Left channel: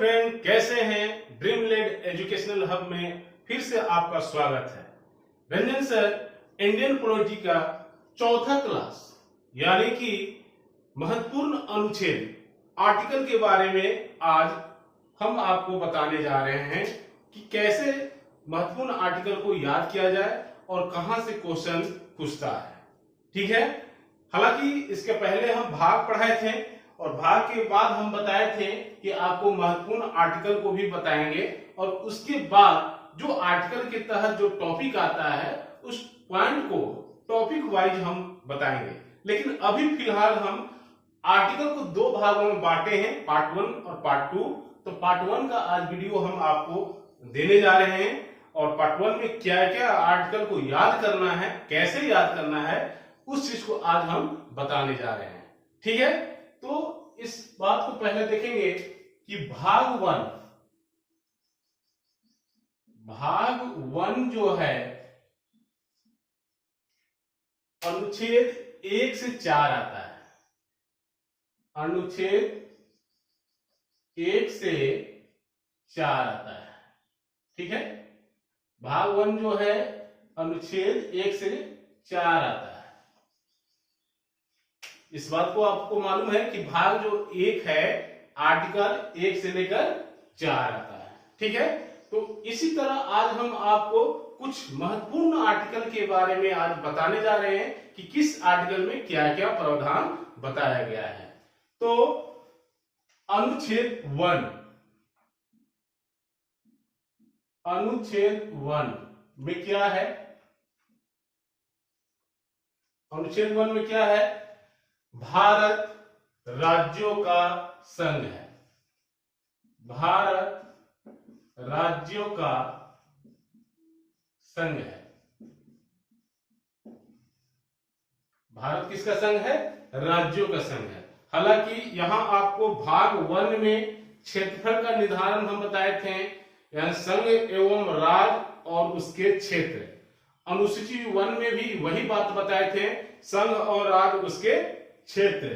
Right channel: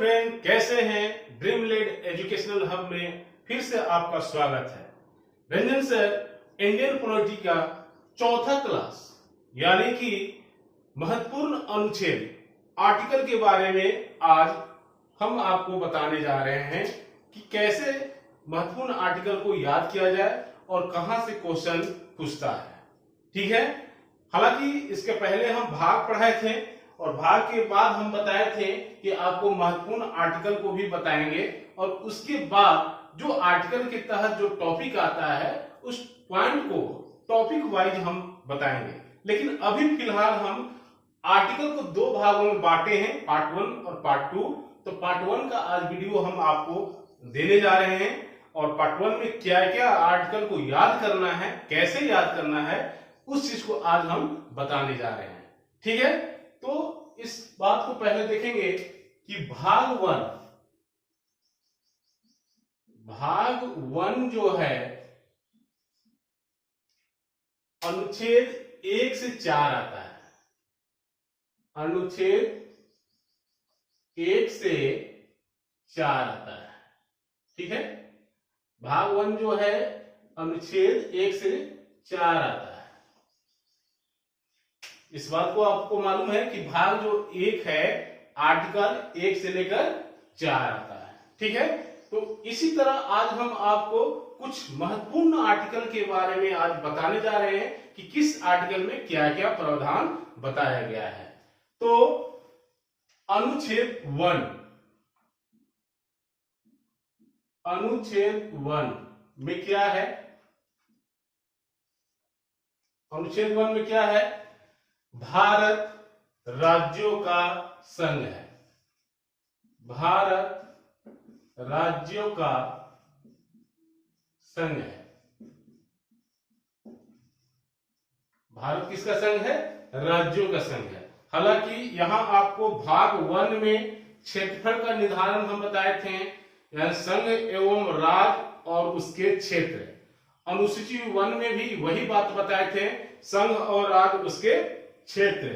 Friend, कैसे हैं? ड्रीमलेड educational hub में फिर से आपका स्वागत है। रंजन सर इंडियन पॉलिटी का चौथा क्लास यानी कि महत्वपूर्ण अनुच्छेद आर्टिकल के बारे में आज हम आपको बताने जा रहे हैं कि कैसे महत्वपूर्ण आर्टिकल को याद किया जाए और कहां से क्वेश्चन पूछता है। ठीक है। हालांकि इसके पहले हम भाग पढ़ाए थे और भाग के बाद हम बताए थे कि आपको महत्वपूर्ण आर्टिकल को भी बताएंगे और उसके बाद जो आर्टिकल के तहत जो टॉपिक आता है उस पॉइंट को टॉपिक वाइज हम बताएंगे। लेकिन अभी फिलहाल हम आर्टिकल को दो भागों में बांटे हैं, पार्ट 1 और पार्ट 2। तो पार्ट 1 का आज वीडियो हम आपको देने जा रहे हैं और पार्ट 1 में क्या क्या आर्टिकल को याद करना है, कैसे याद करना है, उस चीज को आज हम बताने जा रहे हैं। ठीक है। तो इस बात को पहले देखेंगे कि भाग 1 जो है अनुच्छेद 1 से 4 आता है। अनुच्छेद 1 से 4 आता है। ठीक है। भाग 1 जो है अनुच्छेद 1 से 4 आता है। इस बात को आपको मालूम है कि भाग जो 1 है आर्टिकल 1 से लेकर 4 आता है। ठीक है। तो इसी तरह आज हम आपको कुछ महत्वपूर्ण आर्टिकल के बारे में आज बताने जा रहे हैं कि किस आर्टिकल में क्या क्या प्रावधान बताया गया है। तो अनुच्छेद 1 में क्या है? अनुच्छेद 1 में क्या है? भारत राज्यों का संघ है। भारत राज्यों का संघ है। भारत किसका संघ है? राज्यों का संघ है। हालांकि यहां आपको भाग 1 में क्षेत्रफल का निर्धारण हम बताए थे, यानी संघ एवं राज्य और उसके क्षेत्र। अनुसूची 1 में भी वही बात बताए थे, संघ और राज्य उसके क्षेत्र।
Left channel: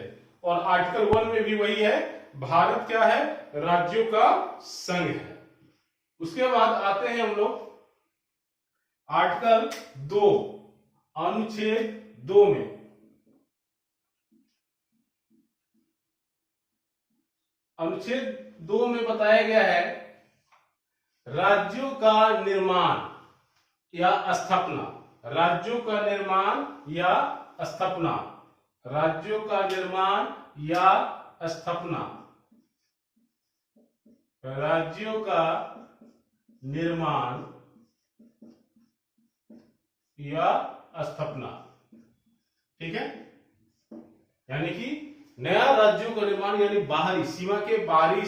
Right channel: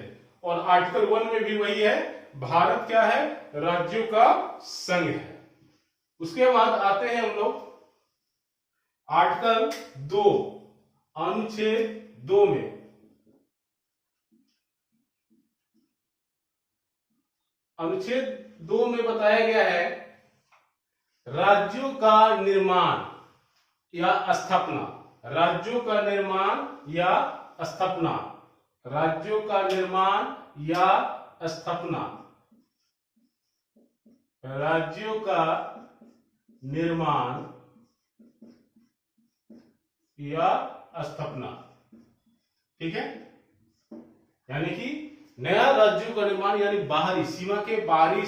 और आर्टिकल 1 में भी वही है, भारत क्या है? राज्यों का संघ है। उसके बाद आते हैं हम लोग आर्टिकल 2, अनुच्छेद 2 में। अनुच्छेद 2 में बताया गया है राज्यों का निर्माण या स्थापना। राज्यों का निर्माण या स्थापना। राज्यों का निर्माण या स्थापना। राज्यों का निर्माण या स्थापना। ठीक है। यानी कि नया राज्यों का निर्माण, यानी बाहरी सीमा के बाहरी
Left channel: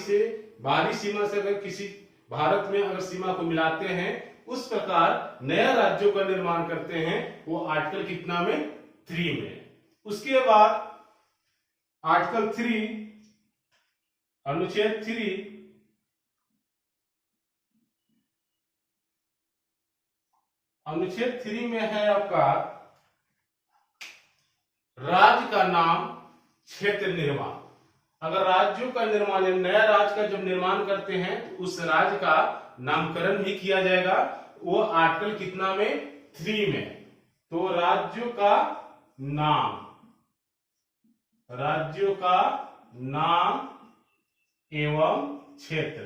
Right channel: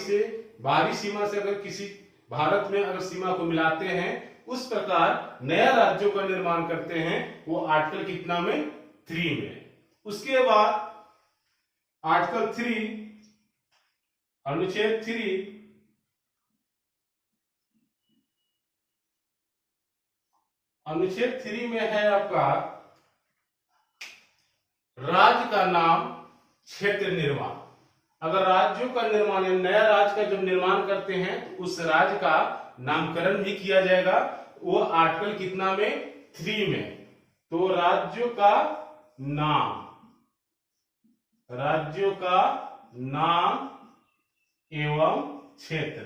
सीमा से अगर किसी भारत में अगर सीमा को मिलाते हैं, उस प्रकार नया राज्यों का निर्माण करते हैं। वो आर्टिकल कितना में? 3 में। उसके बाद आर्टिकल 3, अनुच्छेद 3 अनुच्छेद 3 में है आपका राज्य का नाम, क्षेत्र निर्माण। अगर राज्यों का निर्माण या नया राज्य का जब निर्माण करते हैं तो उस राज्य का नामकरण भी किया जाएगा। वो आर्टिकल कितना में? 3 में। तो राज्यों का नाम, राज्यों का नाम एवं क्षेत्र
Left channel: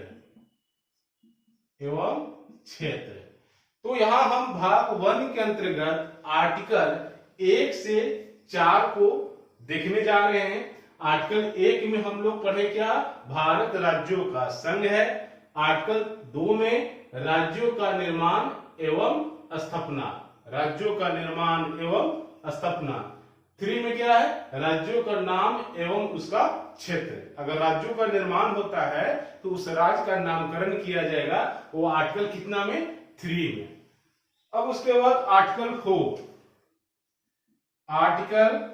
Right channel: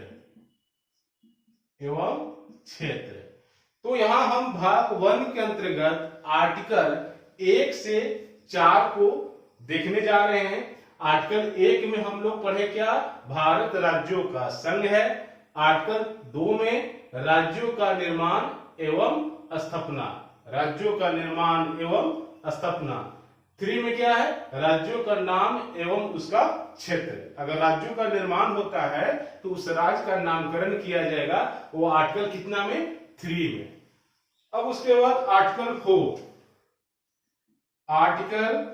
तो यहां हम भाग 1 के अंतर्गत आर्टिकल 1 से 4 को देखने जा रहे हैं। आर्टिकल 1 में हम लोग पढ़े क्या? भारत राज्यों का संघ है। आर्टिकल 2 में राज्यों का निर्माण एवं स्थापना। राज्यों का निर्माण एवं स्थापना। 3 में क्या है? राज्यों का नाम एवं उसका क्षेत्र। अगर राज्यों का निर्माण होता है तो उस राज्य का नामकरण किया जाएगा। वो आर्टिकल कितना में? 3 में। अब उसके बाद आर्टिकल 4। आर्टिकल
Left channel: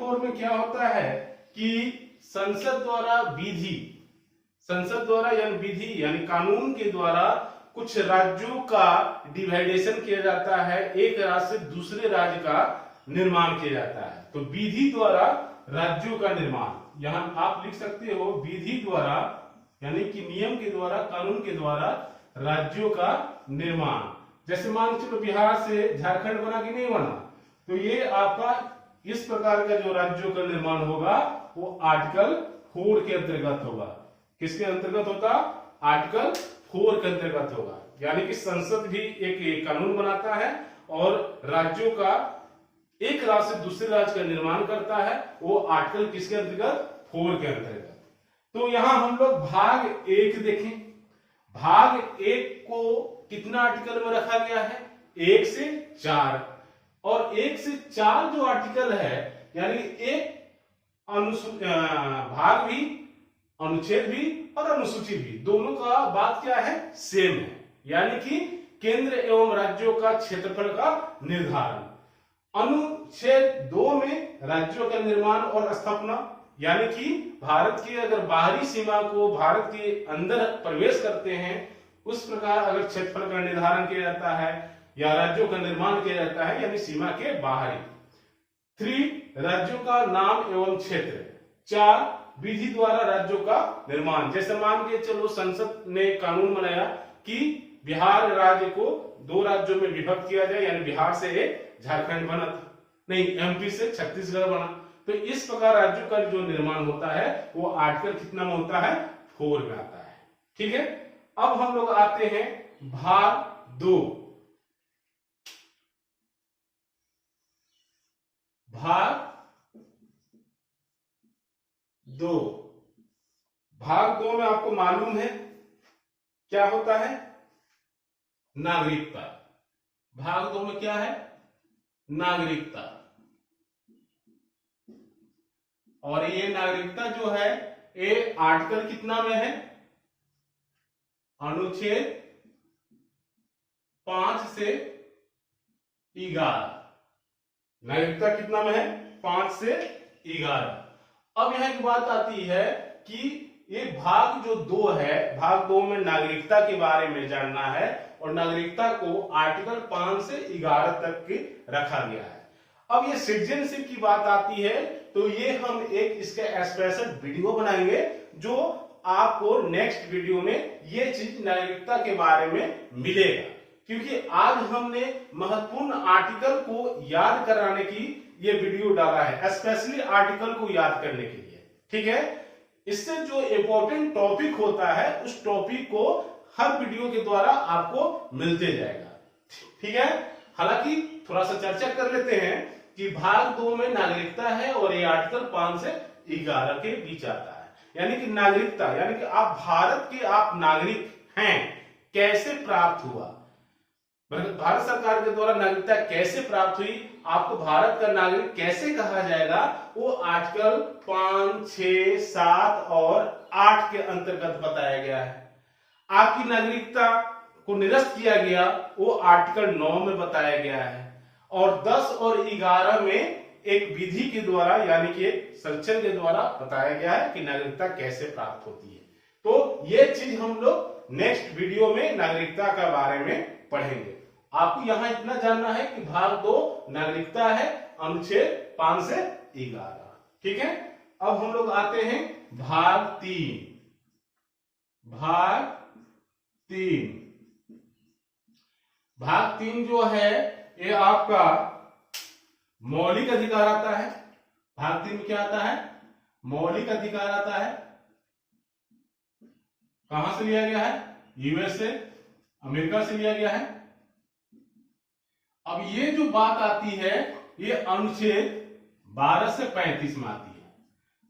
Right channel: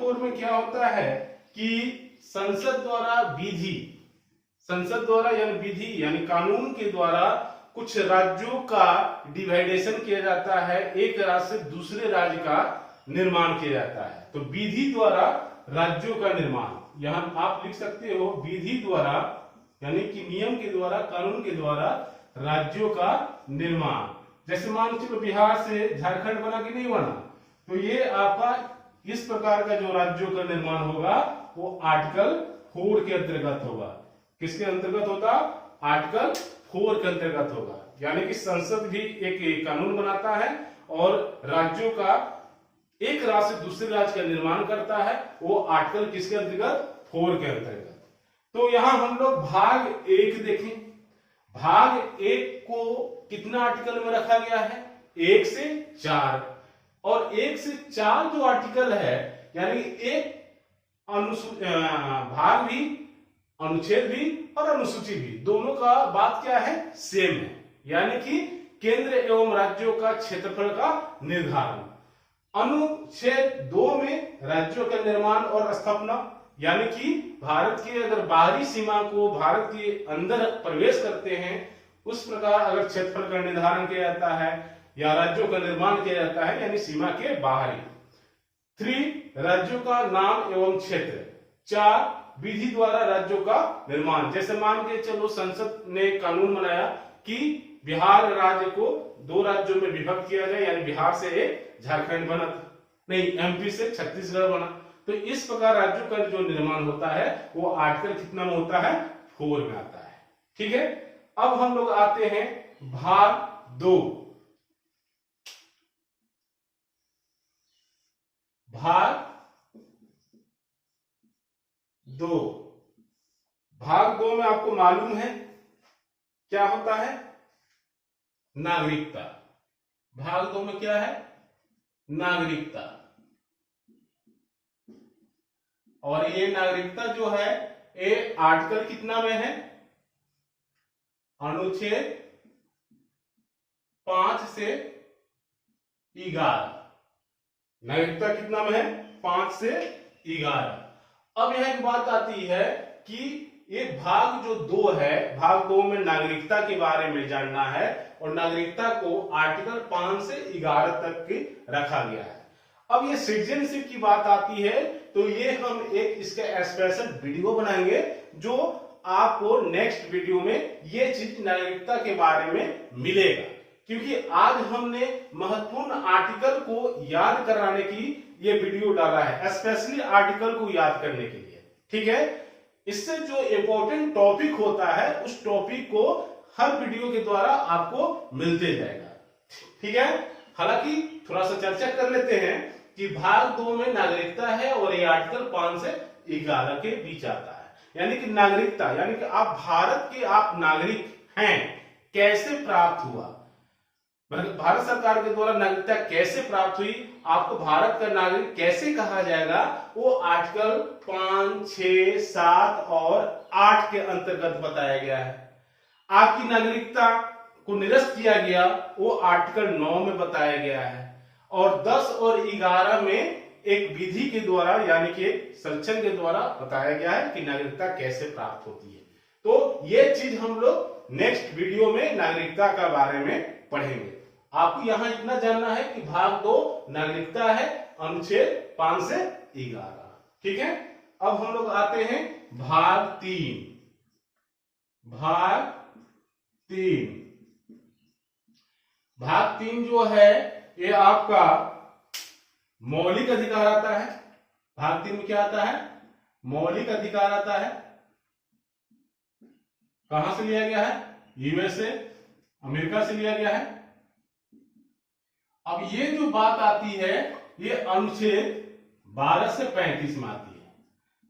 4 में क्या होता है कि संसद द्वारा यानी विधि यानी कानून के द्वारा कुछ राज्यों का डिवाइडेशन किया जाता है, एक राज्य से दूसरे राज्य का निर्माण किया जाता है। तो विधि द्वारा राज्यों का निर्माण। यहां आप लिख सकते हो विधि द्वारा, यानी कि नियम के द्वारा, कानून के द्वारा राज्यों का निर्माण। जैसे मान चलो बिहार से झारखंड बना कि नहीं बना, तो ये आपका इस प्रकार का जो राज्यों का निर्माण होगा वो आर्टिकल 4 के अंतर्गत होगा। किसके अंतर्गत होता? आर्टिकल 4 के अंतर्गत होगा। यानी कि संसद भी एक कानून बनाता है और राज्यों का, एक राज्य से दूसरे राज्य का निर्माण करता है, वो आर्टिकल किसके अंतर्गत? 4 के अंतर्गत। तो यहां हम लोग भाग 1 देखें। भाग 1 को कितना आर्टिकल में रखा गया है? 1 से 4। और 1 से 4 जो आर्टिकल है, यानी एक भाग भी, अनुच्छेद भी और अनुसूची भी, दोनों का बात क्या है? सेम है। यानी कि केंद्र एवं राज्यों का क्षेत्रफल का निर्धारण। अनुच्छेद 2 में राज्यों का निर्माण और स्थापना, यानी कि भारत की अगर बाहरी सीमा को भारत के अंदर प्रवेश करते हैं, उस प्रकार अगर क्षेत्रफल का निर्धारण किया जाता है या राज्यों का निर्माण किया जाता है, यानी सीमा के बाहरी। 3 राज्यों का नाम एवं क्षेत्र। 4 विधि द्वारा राज्यों का निर्माण। जैसे मान के चलो संसद ने कानून बनाया कि बिहार राज्य को 2 राज्यों में विभक्त किया जाए, यानी बिहार से एक झारखंड बना, नहीं एमपी से छत्तीसगढ़ बना। तो इस प्रकार राज्यों का जो निर्माण होता है वो आर्टिकल कितना में होता है? 4 में आता है। ठीक है, अब हम लोग आते हैं भाग 2। भाग 2, भाग 2 में आपको मालूम है क्या होता है? नागरिकता। भाग 2 में क्या है? नागरिकता। और ये नागरिकता जो है ये आर्टिकल कितना में है? अनुच्छेद 5 से 11। नागरिकता कितना में है? 5 से 11। अब यह एक बात आती है कि ये भाग जो 2 है, भाग 2 में नागरिकता के बारे में जानना है और नागरिकता को आर्टिकल 5 से 11 तक की रखा गया है। अब ये सिटीजनशिप की बात आती है तो ये हम एक इसका स्पेशल वीडियो बनाएंगे, जो आपको नेक्स्ट वीडियो में ये चीज नागरिकता के बारे में मिलेगा। क्योंकि आज हमने महत्वपूर्ण आर्टिकल को याद कराने की ये वीडियो डाला है, स्पेशली आर्टिकल को याद करने के लिए। ठीक है, इससे जो इंपॉर्टेंट टॉपिक होता है उस टॉपिक को हर वीडियो के द्वारा आपको मिलते जाएगा। ठीक है, हालांकि थोड़ा सा चर्चा कर लेते हैं कि भाग 2 में नागरिकता है और ये आर्टिकल 5 से 11 के बीच आता है। यानी कि नागरिकता, यानी कि आप भारत के आप नागरिक हैं, कैसे प्राप्त हुआ? भारत सरकार के द्वारा नागरिकता कैसे प्राप्त हुई, आपको भारत का नागरिक कैसे कहा जाएगा, वो आर्टिकल 5, 6, 7 और 8 के अंतर्गत बताया गया है। आपकी नागरिकता को निरस्त किया गया वो आर्टिकल 9 में बताया गया है। और 10 और 11 में एक विधि के द्वारा, यानी कि संरक्षण के द्वारा बताया गया है कि नागरिकता कैसे प्राप्त होती है। तो ये चीज हम लोग नेक्स्ट वीडियो में नागरिकता का बारे में पढ़ेंगे। आपको यहां इतना जानना है कि भाग 2 नागरिकता है, अनुच्छेद 5 से 11। ठीक है, अब हम लोग आते हैं भाग 3। भाग 3, भाग 3 जो है ये आपका मौलिक अधिकार आता है। भाग 3 में क्या आता है? मौलिक अधिकार आता है। कहां से लिया गया है? यूएसए, अमेरिका से लिया गया है। अब ये जो बात आती है ये अनुच्छेद 12 से 35 में आती है।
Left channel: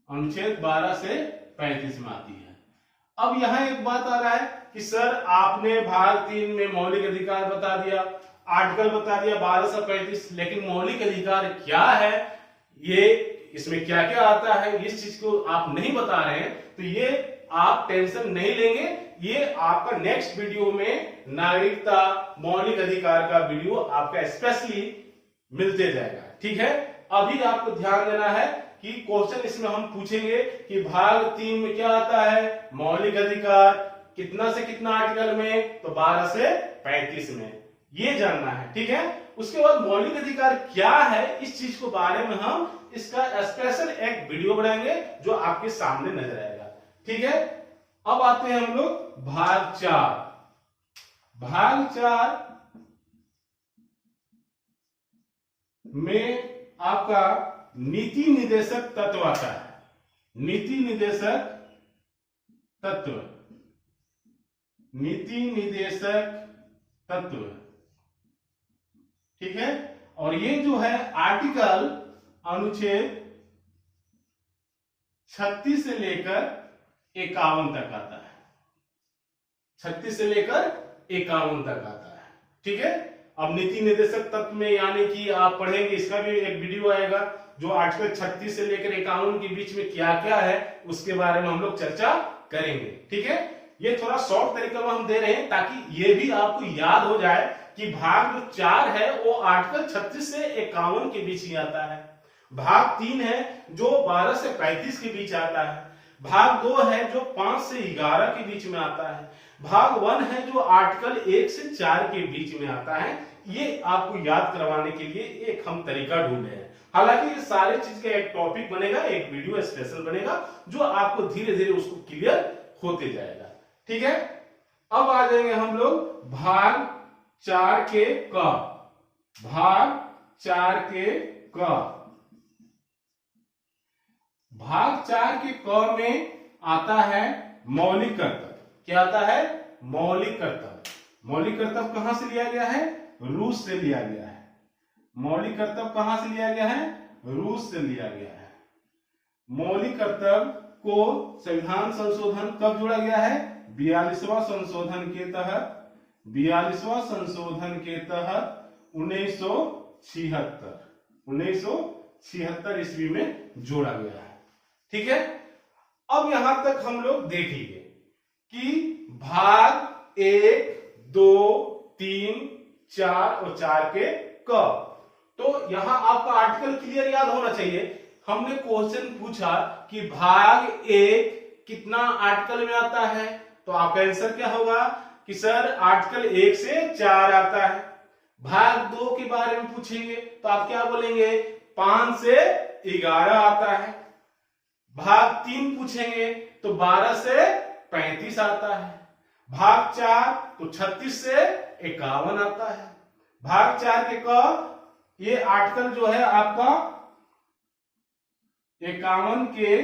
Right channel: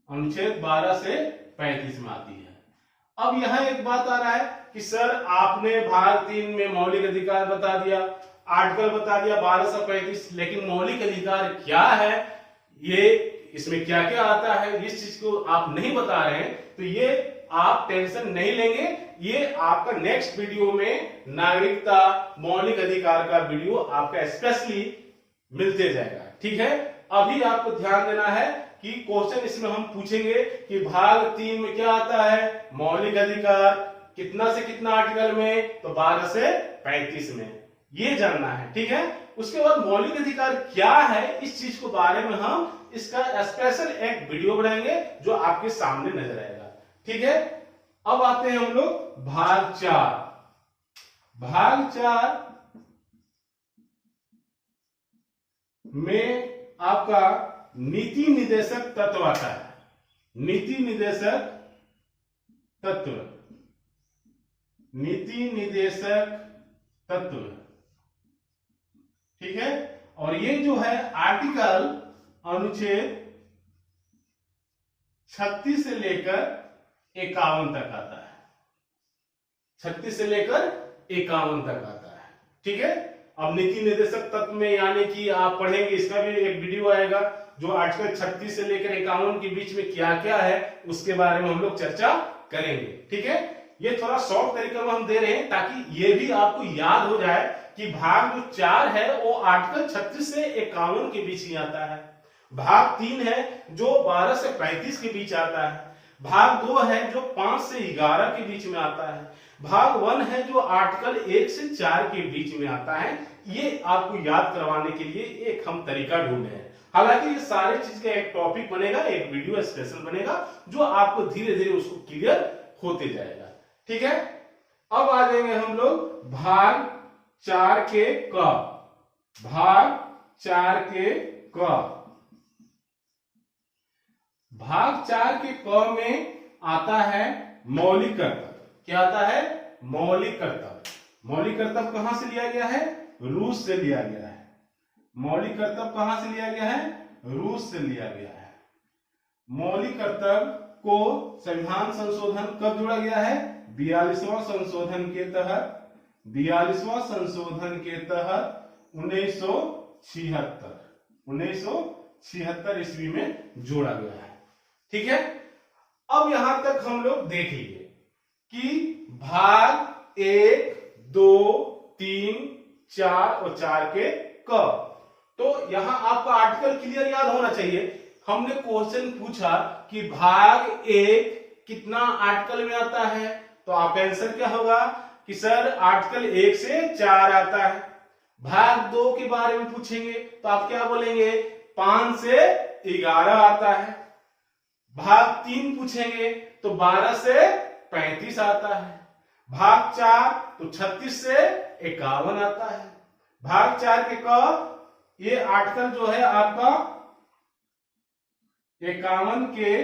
अनुच्छेद 12 से 35 में आती है। अब यहां एक बात आ रहा है कि सर आपने भाग 3 में मौलिक अधिकार बता दिया, आर्टिकल बता दिया 12 से 35, लेकिन मौलिक अधिकार क्या है, ये इसमें क्या क्या आता है, इस चीज को आप नहीं बता रहे हैं। तो ये आप टेंशन नहीं लेंगे, ये आपका नेक्स्ट वीडियो में नागरिकता मौलिक अधिकार का वीडियो आपका स्पेशली मिलते जाएगा। ठीक है, अभी आपको ध्यान देना है कि क्वेश्चन इसमें हम पूछेंगे कि भाग 3 में क्या आता है? मौलिक अधिकार कितना से कितना आर्टिकल में? तो 12 से 35 में, ये जानना है। ठीक है, उसके बाद मौलिक अधिकार क्या है, इस चीज को बारे में हम इसका स्पेशल एक वीडियो बनाएंगे जो आपके सामने नजर आएगा। ठीक है, अब आते हैं हम लोग भाग 4। भाग 4 में आपका नीति निदेशक तत्व आता है। नीति निदेशक तत्व, नीति निदेशक तत्व, ठीक है। और ये जो है आर्टिकल अनुच्छेद 36 से लेकर 51 तक आता है। 36 से लेकर 51 तक आता है। ठीक है, अब नीति निर्देशक तत्व में यानी कि आप पढ़ेंगे, इसका भी एक वीडियो आएगा जो आर्टिकल 36 से लेकर 51 के बीच में क्या क्या है उसके बारे में हम लोग चर्चा करेंगे। ठीक है, ये थोड़ा शॉर्ट तरीके में हम दे रहे हैं ताकि ये भी आपको याद हो जाए कि भाग जो 4 है वो आर्टिकल 36 से 51 के बीच ही आता है। भाग 3 है जो 12 से 35 के बीच आता है। भाग 2 है जो 5 से 11 के बीच में आता है। भाग 1 है जो आर्टिकल 1 से 4 के बीच में आता है। ये आपको याद करवाने के लिए एक हम तरीका ढूंढे हैं। हालांकि ये सारे चीज का एक टॉपिक बनेगा, एक वीडियो स्पेशल बनेगा जो आपको धीरे धीरे उसको क्लियर होते जाएगा। ठीक है, अब आ जाएंगे हम लोग भाग 4 के क। भाग 4 के क, भाग 4 के क में आता है मौलिक कर्तव्य। क्या आता है? मौलिक कर्तव्य। मौलिक कर्तव्य कहां से लिया गया है? रूस से लिया गया है। मौलिक कर्तव्य कहां से लिया गया है? रूस से लिया गया है। मौलिक कर्तव्य को संविधान संशोधन कब जोड़ा गया है? 42वां संशोधन के तहत। 42वां संशोधन के तहत 1976 ईस्वी में जोड़ा गया है। ठीक है, अब यहां तक हम लोग देख लिए कि भाग 1, 2, 3, 4 और 4 के क। तो यहां आपका आर्टिकल क्लियर याद होना चाहिए। हमने क्वेश्चन पूछा कि भाग 1 कितना आर्टिकल में आता है, तो आपका आंसर क्या होगा कि सर आर्टिकल 1 से 4 आता है। भाग 2 के बारे में पूछेंगे तो आप क्या बोलेंगे? 5 से 11 आता है। भाग 3 पूछेंगे तो 12 से 35 आता है। भाग 4 तो 36 से 51 आता है। भाग 4 के क, ये आर्टिकल जो है आपका 51 के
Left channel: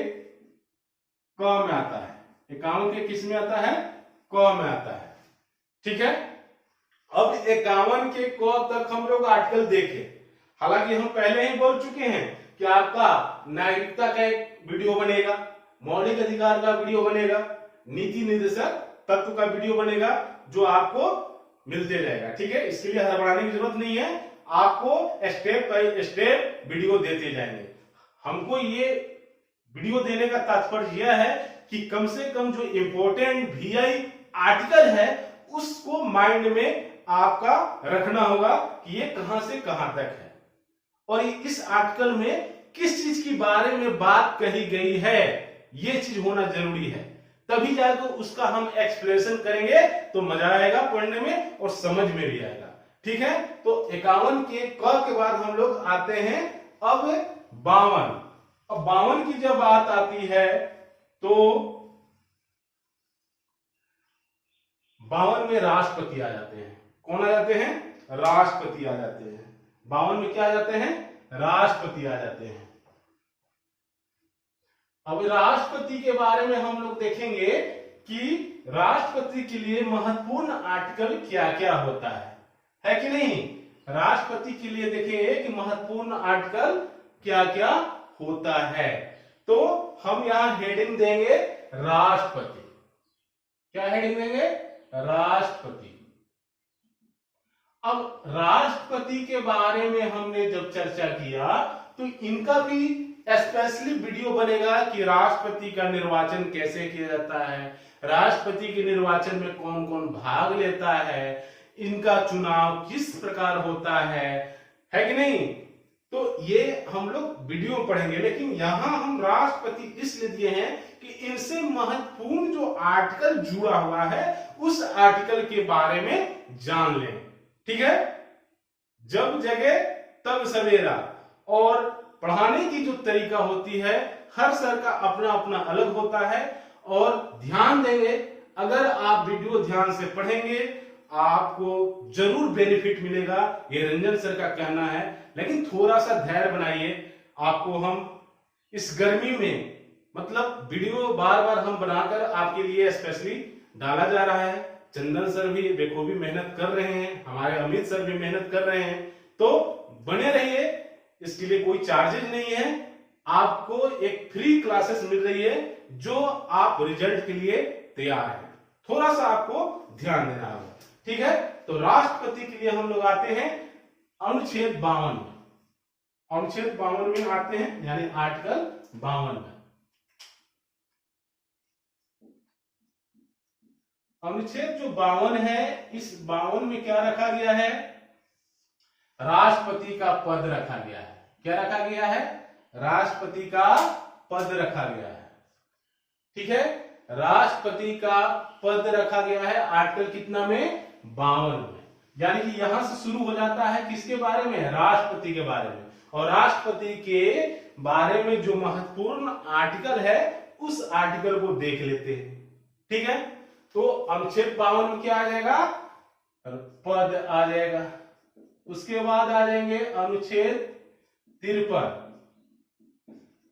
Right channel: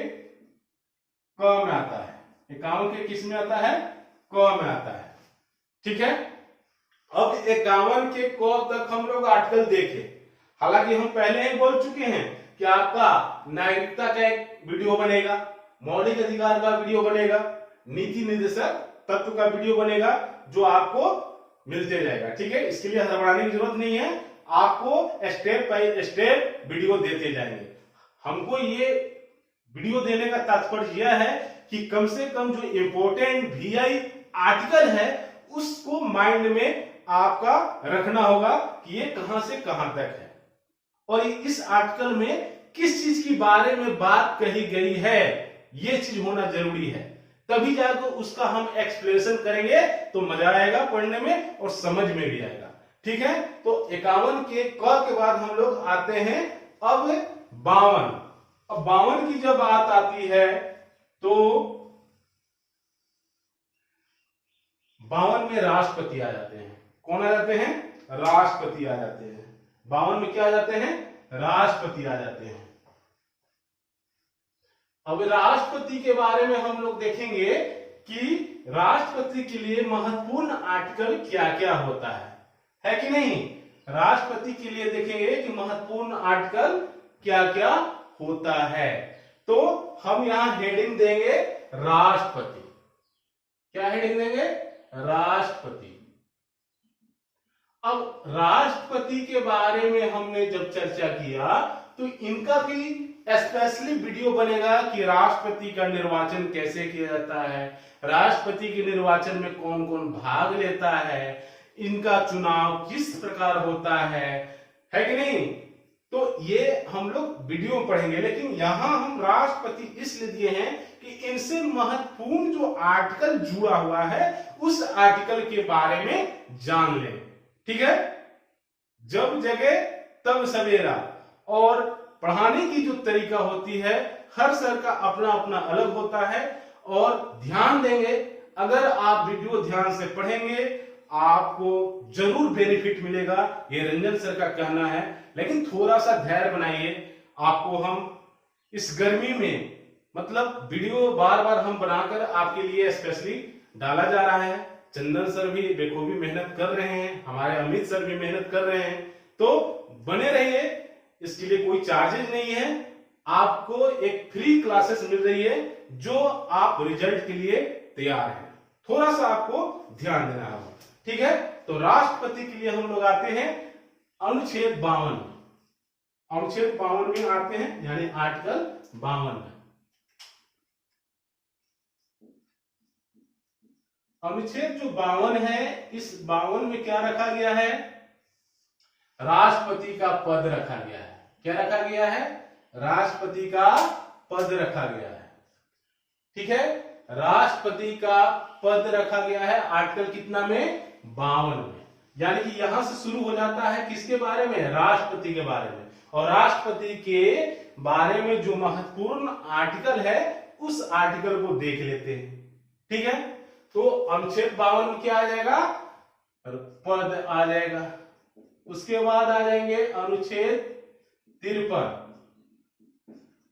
क में आता है। 51 के किस में आता है? क में आता है। ठीक है, अब 51 के क तक हम लोग आर्टिकल देखे। हालांकि हम पहले ही बोल चुके हैं कि आपका नागरिकता का एक वीडियो बनेगा, मौलिक अधिकार का वीडियो बनेगा, नीति निर्देशक तत्व का वीडियो बनेगा जो आपको मिलते रहेगा। ठीक है, इसके लिए हड़बड़ाने की जरूरत नहीं है, आपको स्टेप बाय स्टेप वीडियो देते जाएंगे। हमको ये वीडियो देने का तात्पर्य यह है कि कम से कम जो इंपोर्टेंट VI आर्टिकल है उसको माइंड में आपका रखना होगा कि ये कहां से कहां तक है और इस आर्टिकल में किस चीज के बारे में बात कही गई है, ये चीज होना जरूरी है। तभी जाकर उसका हम एक्सप्लेनेशन करेंगे तो मजा आएगा पढ़ने में और समझ में भी आएगा। ठीक है, तो 51 के क के बाद हम लोग आते हैं अब 52। अब 52 की जब बात आती है तो 52 में राष्ट्रपति आ जाते हैं। कौन आ जाते हैं? राष्ट्रपति आ जाते हैं। 52 में क्या आ जाते हैं? राष्ट्रपति आ जाते हैं। अब राष्ट्रपति के बारे में हम लोग देखेंगे कि राष्ट्रपति के लिए महत्वपूर्ण आर्टिकल क्या क्या होता है कि नहीं? राष्ट्रपति के लिए देखेंगे कि महत्वपूर्ण आर्टिकल क्या क्या होता है। तो हम यहां हेडिंग देंगे राष्ट्रपति। क्या हेडिंग देंगे? राष्ट्रपति। अब राष्ट्रपति के बारे में हमने जब चर्चा किया तो इनका भी स्पेशली वीडियो बनेगा कि राष्ट्रपति का निर्वाचन कैसे किया जाता है, राष्ट्रपति के निर्वाचन में कौन कौन भाग लेता है, इनका चुनाव किस प्रकार होता है कि नहीं? तो ये हम लोग वीडियो में पढ़ेंगे, लेकिन यहां हम राष्ट्रपति इसलिए दिए हैं कि इनसे महत्वपूर्ण जो आर्टिकल जुड़ा हुआ है उस आर्टिकल के बारे में जान लें। ठीक है, जब जगे तब सवेरा और पढ़ाने की जो तरीका होती है हर सर का अपना अपना अलग होता है। और ध्यान देंगे, अगर आप वीडियो ध्यान से पढ़ेंगे आपको जरूर बेनिफिट मिलेगा, ये रंजन सर का कहना है। लेकिन थोड़ा सा धैर्य बनाइए, आपको हम इस गर्मी में मतलब वीडियो बार बार हम बनाकर आपके लिए स्पेशली डाला जा रहा है। चंदन सर भी बेखूबी मेहनत कर रहे हैं, हमारे अमित सर भी मेहनत कर रहे हैं, तो बने रहिए। इसके लिए कोई चार्जेस नहीं है, आपको एक फ्री क्लासेस मिल रही है जो आप रिजल्ट के लिए तैयार हैं। थोड़ा सा आपको ध्यान देना होगा, ठीक है। तो राष्ट्रपति के लिए हम लोग आते हैं अनुच्छेद 52, अनुच्छेद 52 में आते हैं, यानी आर्टिकल 52 में। अनुच्छेद जो 52 है, इस 52 में क्या रखा गया है? राष्ट्रपति का पद रखा गया है। क्या रखा गया है? राष्ट्रपति का पद रखा गया है, ठीक है। राष्ट्रपति का पद रखा गया है आर्टिकल कितना में? 52 में। यानी कि यहां से शुरू हो जाता है किसके बारे में? राष्ट्रपति के बारे में। और राष्ट्रपति के बारे में जो महत्वपूर्ण आर्टिकल है उस आर्टिकल को देख लेते हैं, ठीक है। तो अनुच्छेद 52 में क्या आ जाएगा? पद आ जाएगा। उसके बाद आ जाएंगे अनुच्छेद 53।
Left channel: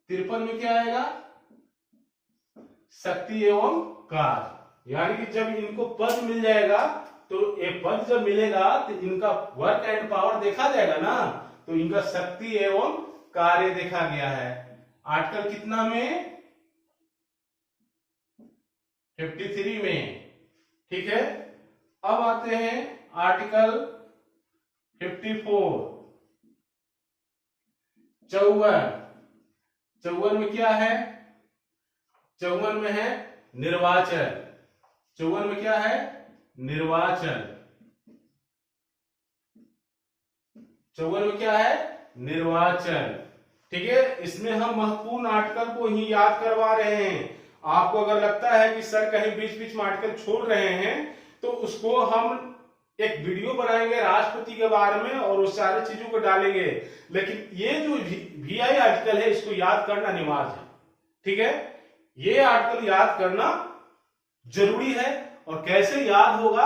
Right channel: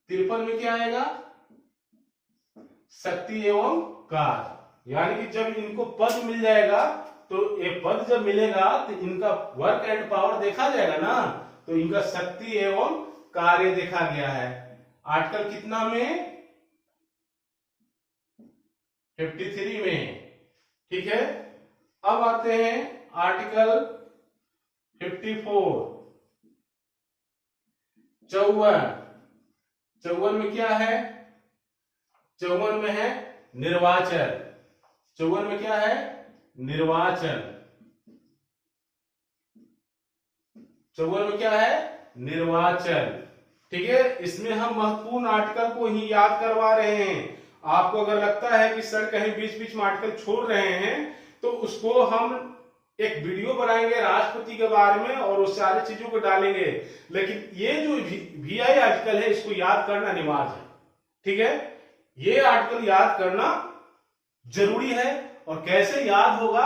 53 में क्या आएगा? शक्ति एवं कार्य। यानी कि जब इनको पद मिल जाएगा तो ये पद जब मिलेगा तो इनका वर्क एंड पावर देखा जाएगा ना, तो इनका शक्ति एवं कार्य देखा गया है। आर्टिकल कितना में? 53 में, ठीक है। अब आते हैं आर्टिकल 54, 54। 54 में क्या है? 54 में है निर्वाचन। 54 में क्या है? निर्वाचन। 54 में क्या है? निर्वाचन, ठीक है। इसमें हम महत्वपूर्ण आर्टिकल को ही याद करवा रहे हैं। आपको अगर लगता है कि सर कहीं बीच बीच में आर्टिकल छोड़ रहे हैं तो उसको हम एक वीडियो बनाएंगे राष्ट्रपति के बारे में और उस सारी चीजों को डालेंगे। लेकिन ये जो VI आर्टिकल है इसको याद करना अनिवार्य है, ठीक है। ये आर्टिकल याद करना जरूरी है। और कैसे याद होगा,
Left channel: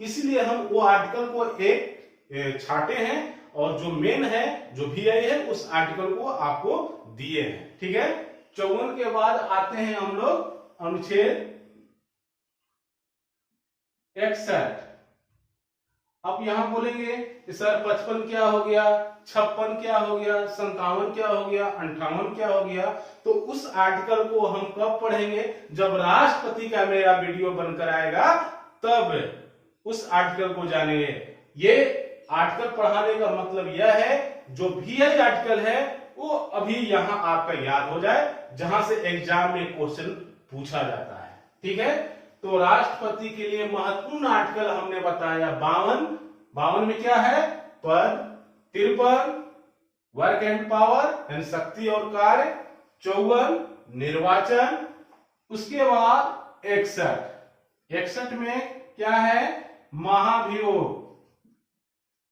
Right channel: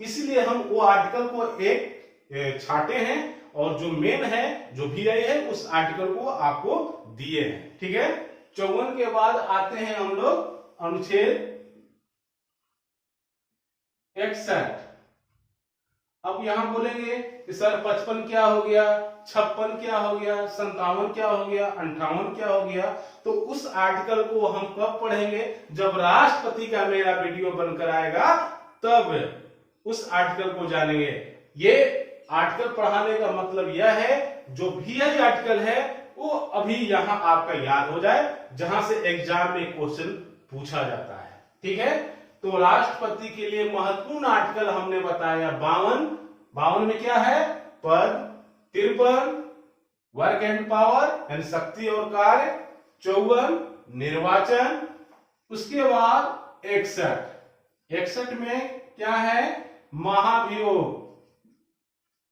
इसलिए हम वो आर्टिकल को एक छाटे हैं और जो मेन है, जो VI है, उस आर्टिकल को आपको दिए हैं, ठीक है। 54 के बाद आते हैं हम लोग अनुच्छेद 61। अब यहां बोलेंगे कि सर 55 क्या हो गया, 56 क्या हो गया, 57 क्या हो गया, 58 क्या हो गया। तो उस आर्टिकल को हम कब पढ़ेंगे? जब राष्ट्रपति का मेरा वीडियो बनकर आएगा तब उस आर्टिकल को जानेंगे। ये आर्टिकल पढ़ाने का मतलब यह है जो VI आर्टिकल है वो अभी यहां आपका याद हो जाए, जहां से एग्जाम में क्वेश्चन पूछा जाता है, ठीक है। तो राष्ट्रपति के लिए महत्वपूर्ण आर्टिकल हमने बताया 52। 52 में क्या है? पद। 53 वर्क एंड पावर यानी शक्ति और कार्य। 54 निर्वाचन। उसके बाद 61। 61 में क्या है? महाभियोग।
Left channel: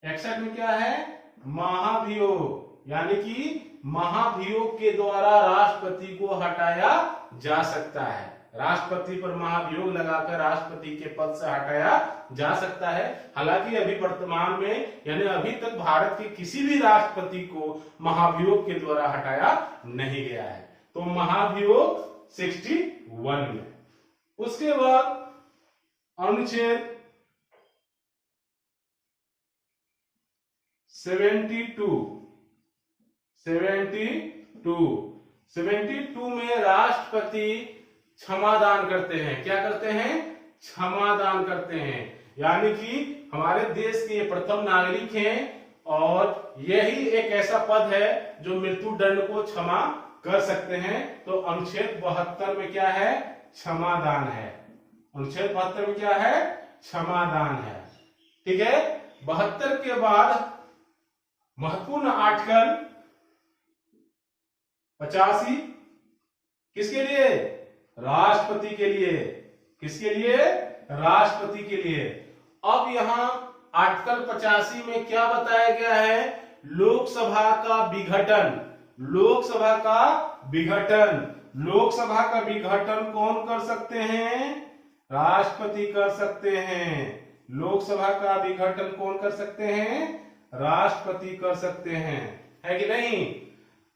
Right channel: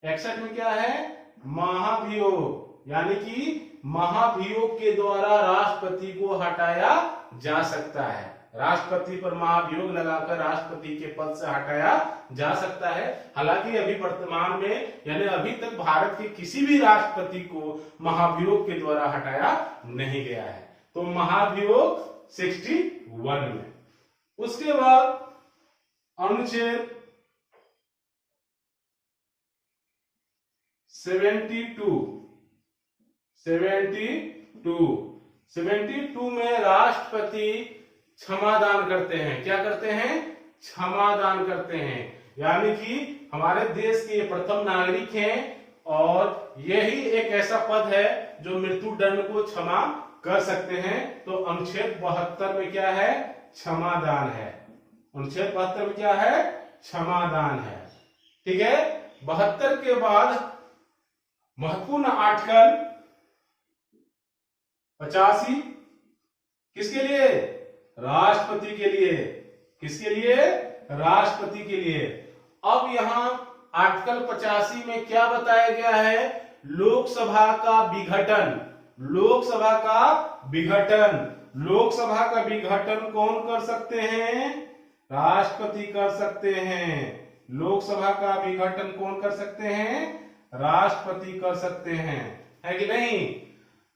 61 में क्या है? महाभियोग। यानी कि महाभियोग के द्वारा राष्ट्रपति को हटाया जा सकता है। राष्ट्रपति पर महाभियोग लगाकर राष्ट्रपति के पद से हटाया जा सकता है। हालांकि अभी वर्तमान में यानी अभी तक भारत के किसी भी राष्ट्रपति को महाभियोग के द्वारा हटाया नहीं गया है। तो महाभियोग 61 में। उसके बाद अनुच्छेद 72 में राष्ट्रपति क्षमादान करते हैं। क्या करते हैं? क्षमादान करते हैं। यानी कि हमारे देश के प्रथम नागरिक हैं और यही एक ऐसा पद है जो मृत्यु दंड को क्षमा कर सकते हैं। तो अनुच्छेद 72 में क्या है? क्षमादान है। अनुच्छेद 72 में क्या है? क्षमादान है, ठीक है। 72 के बाद महत्वपूर्ण आर्टिकल 85 किसके लिए? राष्ट्रपति के लिए। किसके लिए? राष्ट्रपति के लिए। अब यहां आर्टिकल 85 में क्या बताया गया है? लोकसभा का विघटन। लोकसभा का विघटन। लोकसभा का विघटन कौन कर सकते हैं? राष्ट्रपति कर सकते हैं। लोकसभा का विघटन कौन कर सकते हैं? राष्ट्रपति कर सकते हैं, है कि नहीं?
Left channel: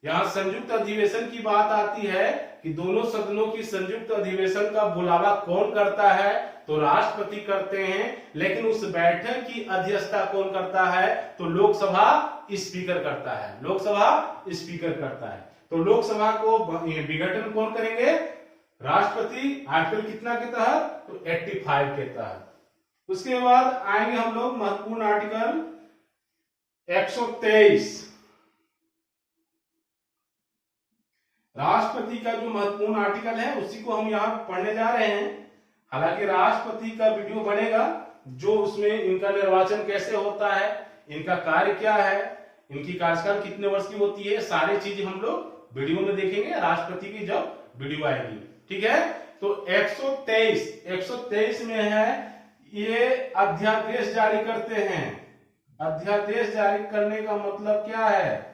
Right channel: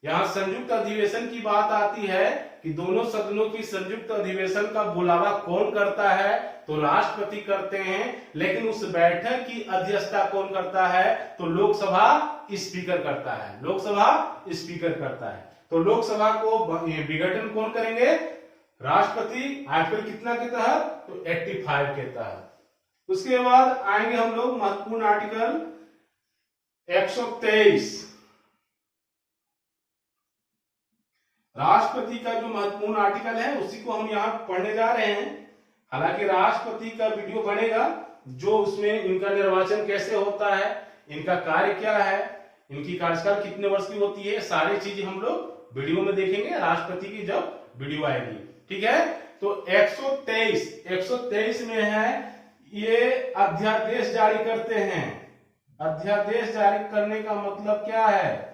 यहां संयुक्त अधिवेशन की बात आती है कि दोनों सदनों की संयुक्त अधिवेशन का बुलावा कौन करता है? तो राष्ट्रपति करते हैं। लेकिन उस बैठक की अध्यक्षता कौन करता है? तो लोकसभा स्पीकर करता है। लोकसभा स्पीकर करता है। तो लोकसभा को विघटन कौन करेंगे? राष्ट्रपति। आर्टिकल कितना के तहत? तो 85 के तहत। उसके बाद आएंगे हम लोग महत्वपूर्ण आर्टिकल 123। राष्ट्रपति का जो महत्वपूर्ण आर्टिकल है उसी को हम यहां पढ़ने जा रहे हैं। हालांकि राष्ट्रपति का वीडियो बनेगा जो उसमें इनका निर्वाचन कैसे होता है, इनका कार्य क्या है, इनकी कार्यकाल कितने वर्ष की होती है, सारी चीजें हम लोग वीडियो में देखेंगे राष्ट्रपति की जब वीडियो आएगी। ठीक है। तो 123 में है ये अध्यादेश जारी करते हैं। अध्यादेश जारी करने का मतलब क्या है?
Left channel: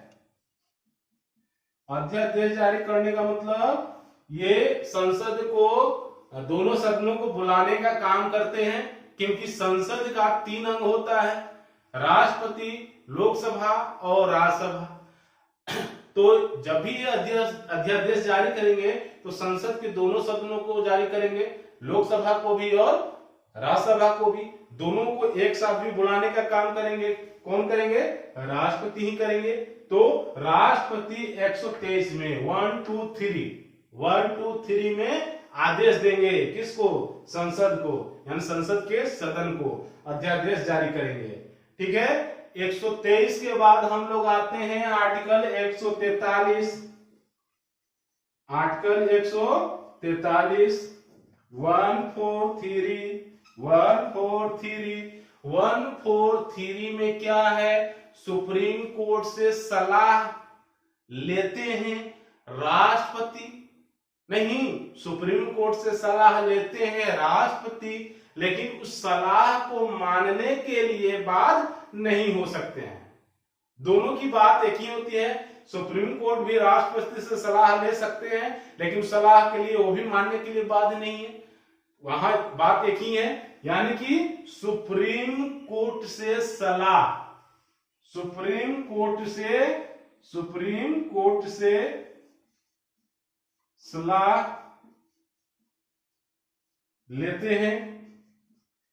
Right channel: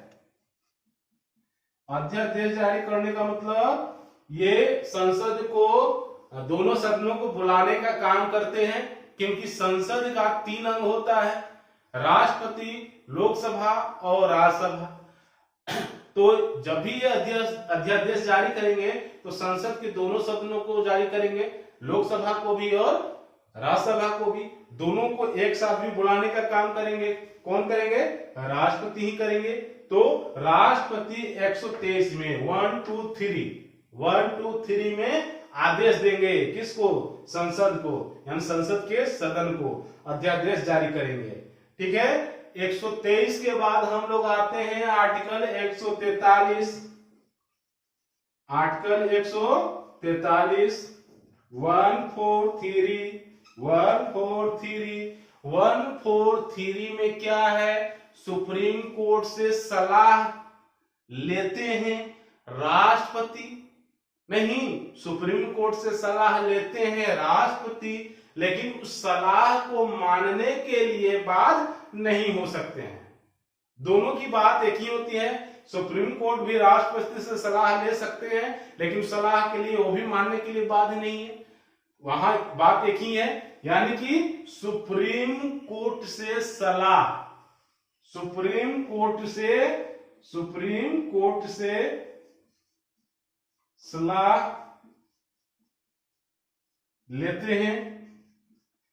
अध्यादेश जारी करने का मतलब ये संसद को, दोनों सदनों को बुलाने का काम करते हैं, क्योंकि संसद का 3 अंग होता है, राष्ट्रपति, लोकसभा और राज्यसभा। तो जब भी ये अध्यादेश जारी करेंगे तो संसद के दोनों सदनों को जारी करेंगे, लोकसभा को भी और राज्यसभा को भी, दोनों को एक साथ भी बुलाने का काम करेंगे। कौन करेंगे? राष्ट्रपति ही करेंगे। तो राष्ट्रपति 123 में 1 2 3 में आदेश देंगे। किसको? संसद को, यानी संसद के सदन को अध्यादेश जारी करेंगे। ठीक है। 123 के बाद हम लोग आते हैं आर्टिकल 143। आर्टिकल 143 143 में क्या है? सुप्रीम कोर्ट से सलाह लेते हैं राष्ट्रपति, नहीं, सुप्रीम कोर्ट से सलाह लेते हैं राष्ट्रपति, लेकिन उस सलाह को मानने के लिए बाध्य नहीं हो सकते हैं। दोनों की बात एक ही होती है। सुप्रीम कोर्ट भी राष्ट्रपति से सलाह ले सकते हैं, लेकिन उस सलाह के लिए वो भी मानने के लिए बाध्य नहीं है। वहां बात एक ही है, यानी कि सुप्रीम कोर्ट से सलाह, सुप्रीम कोर्ट से सलाह लेते हैं,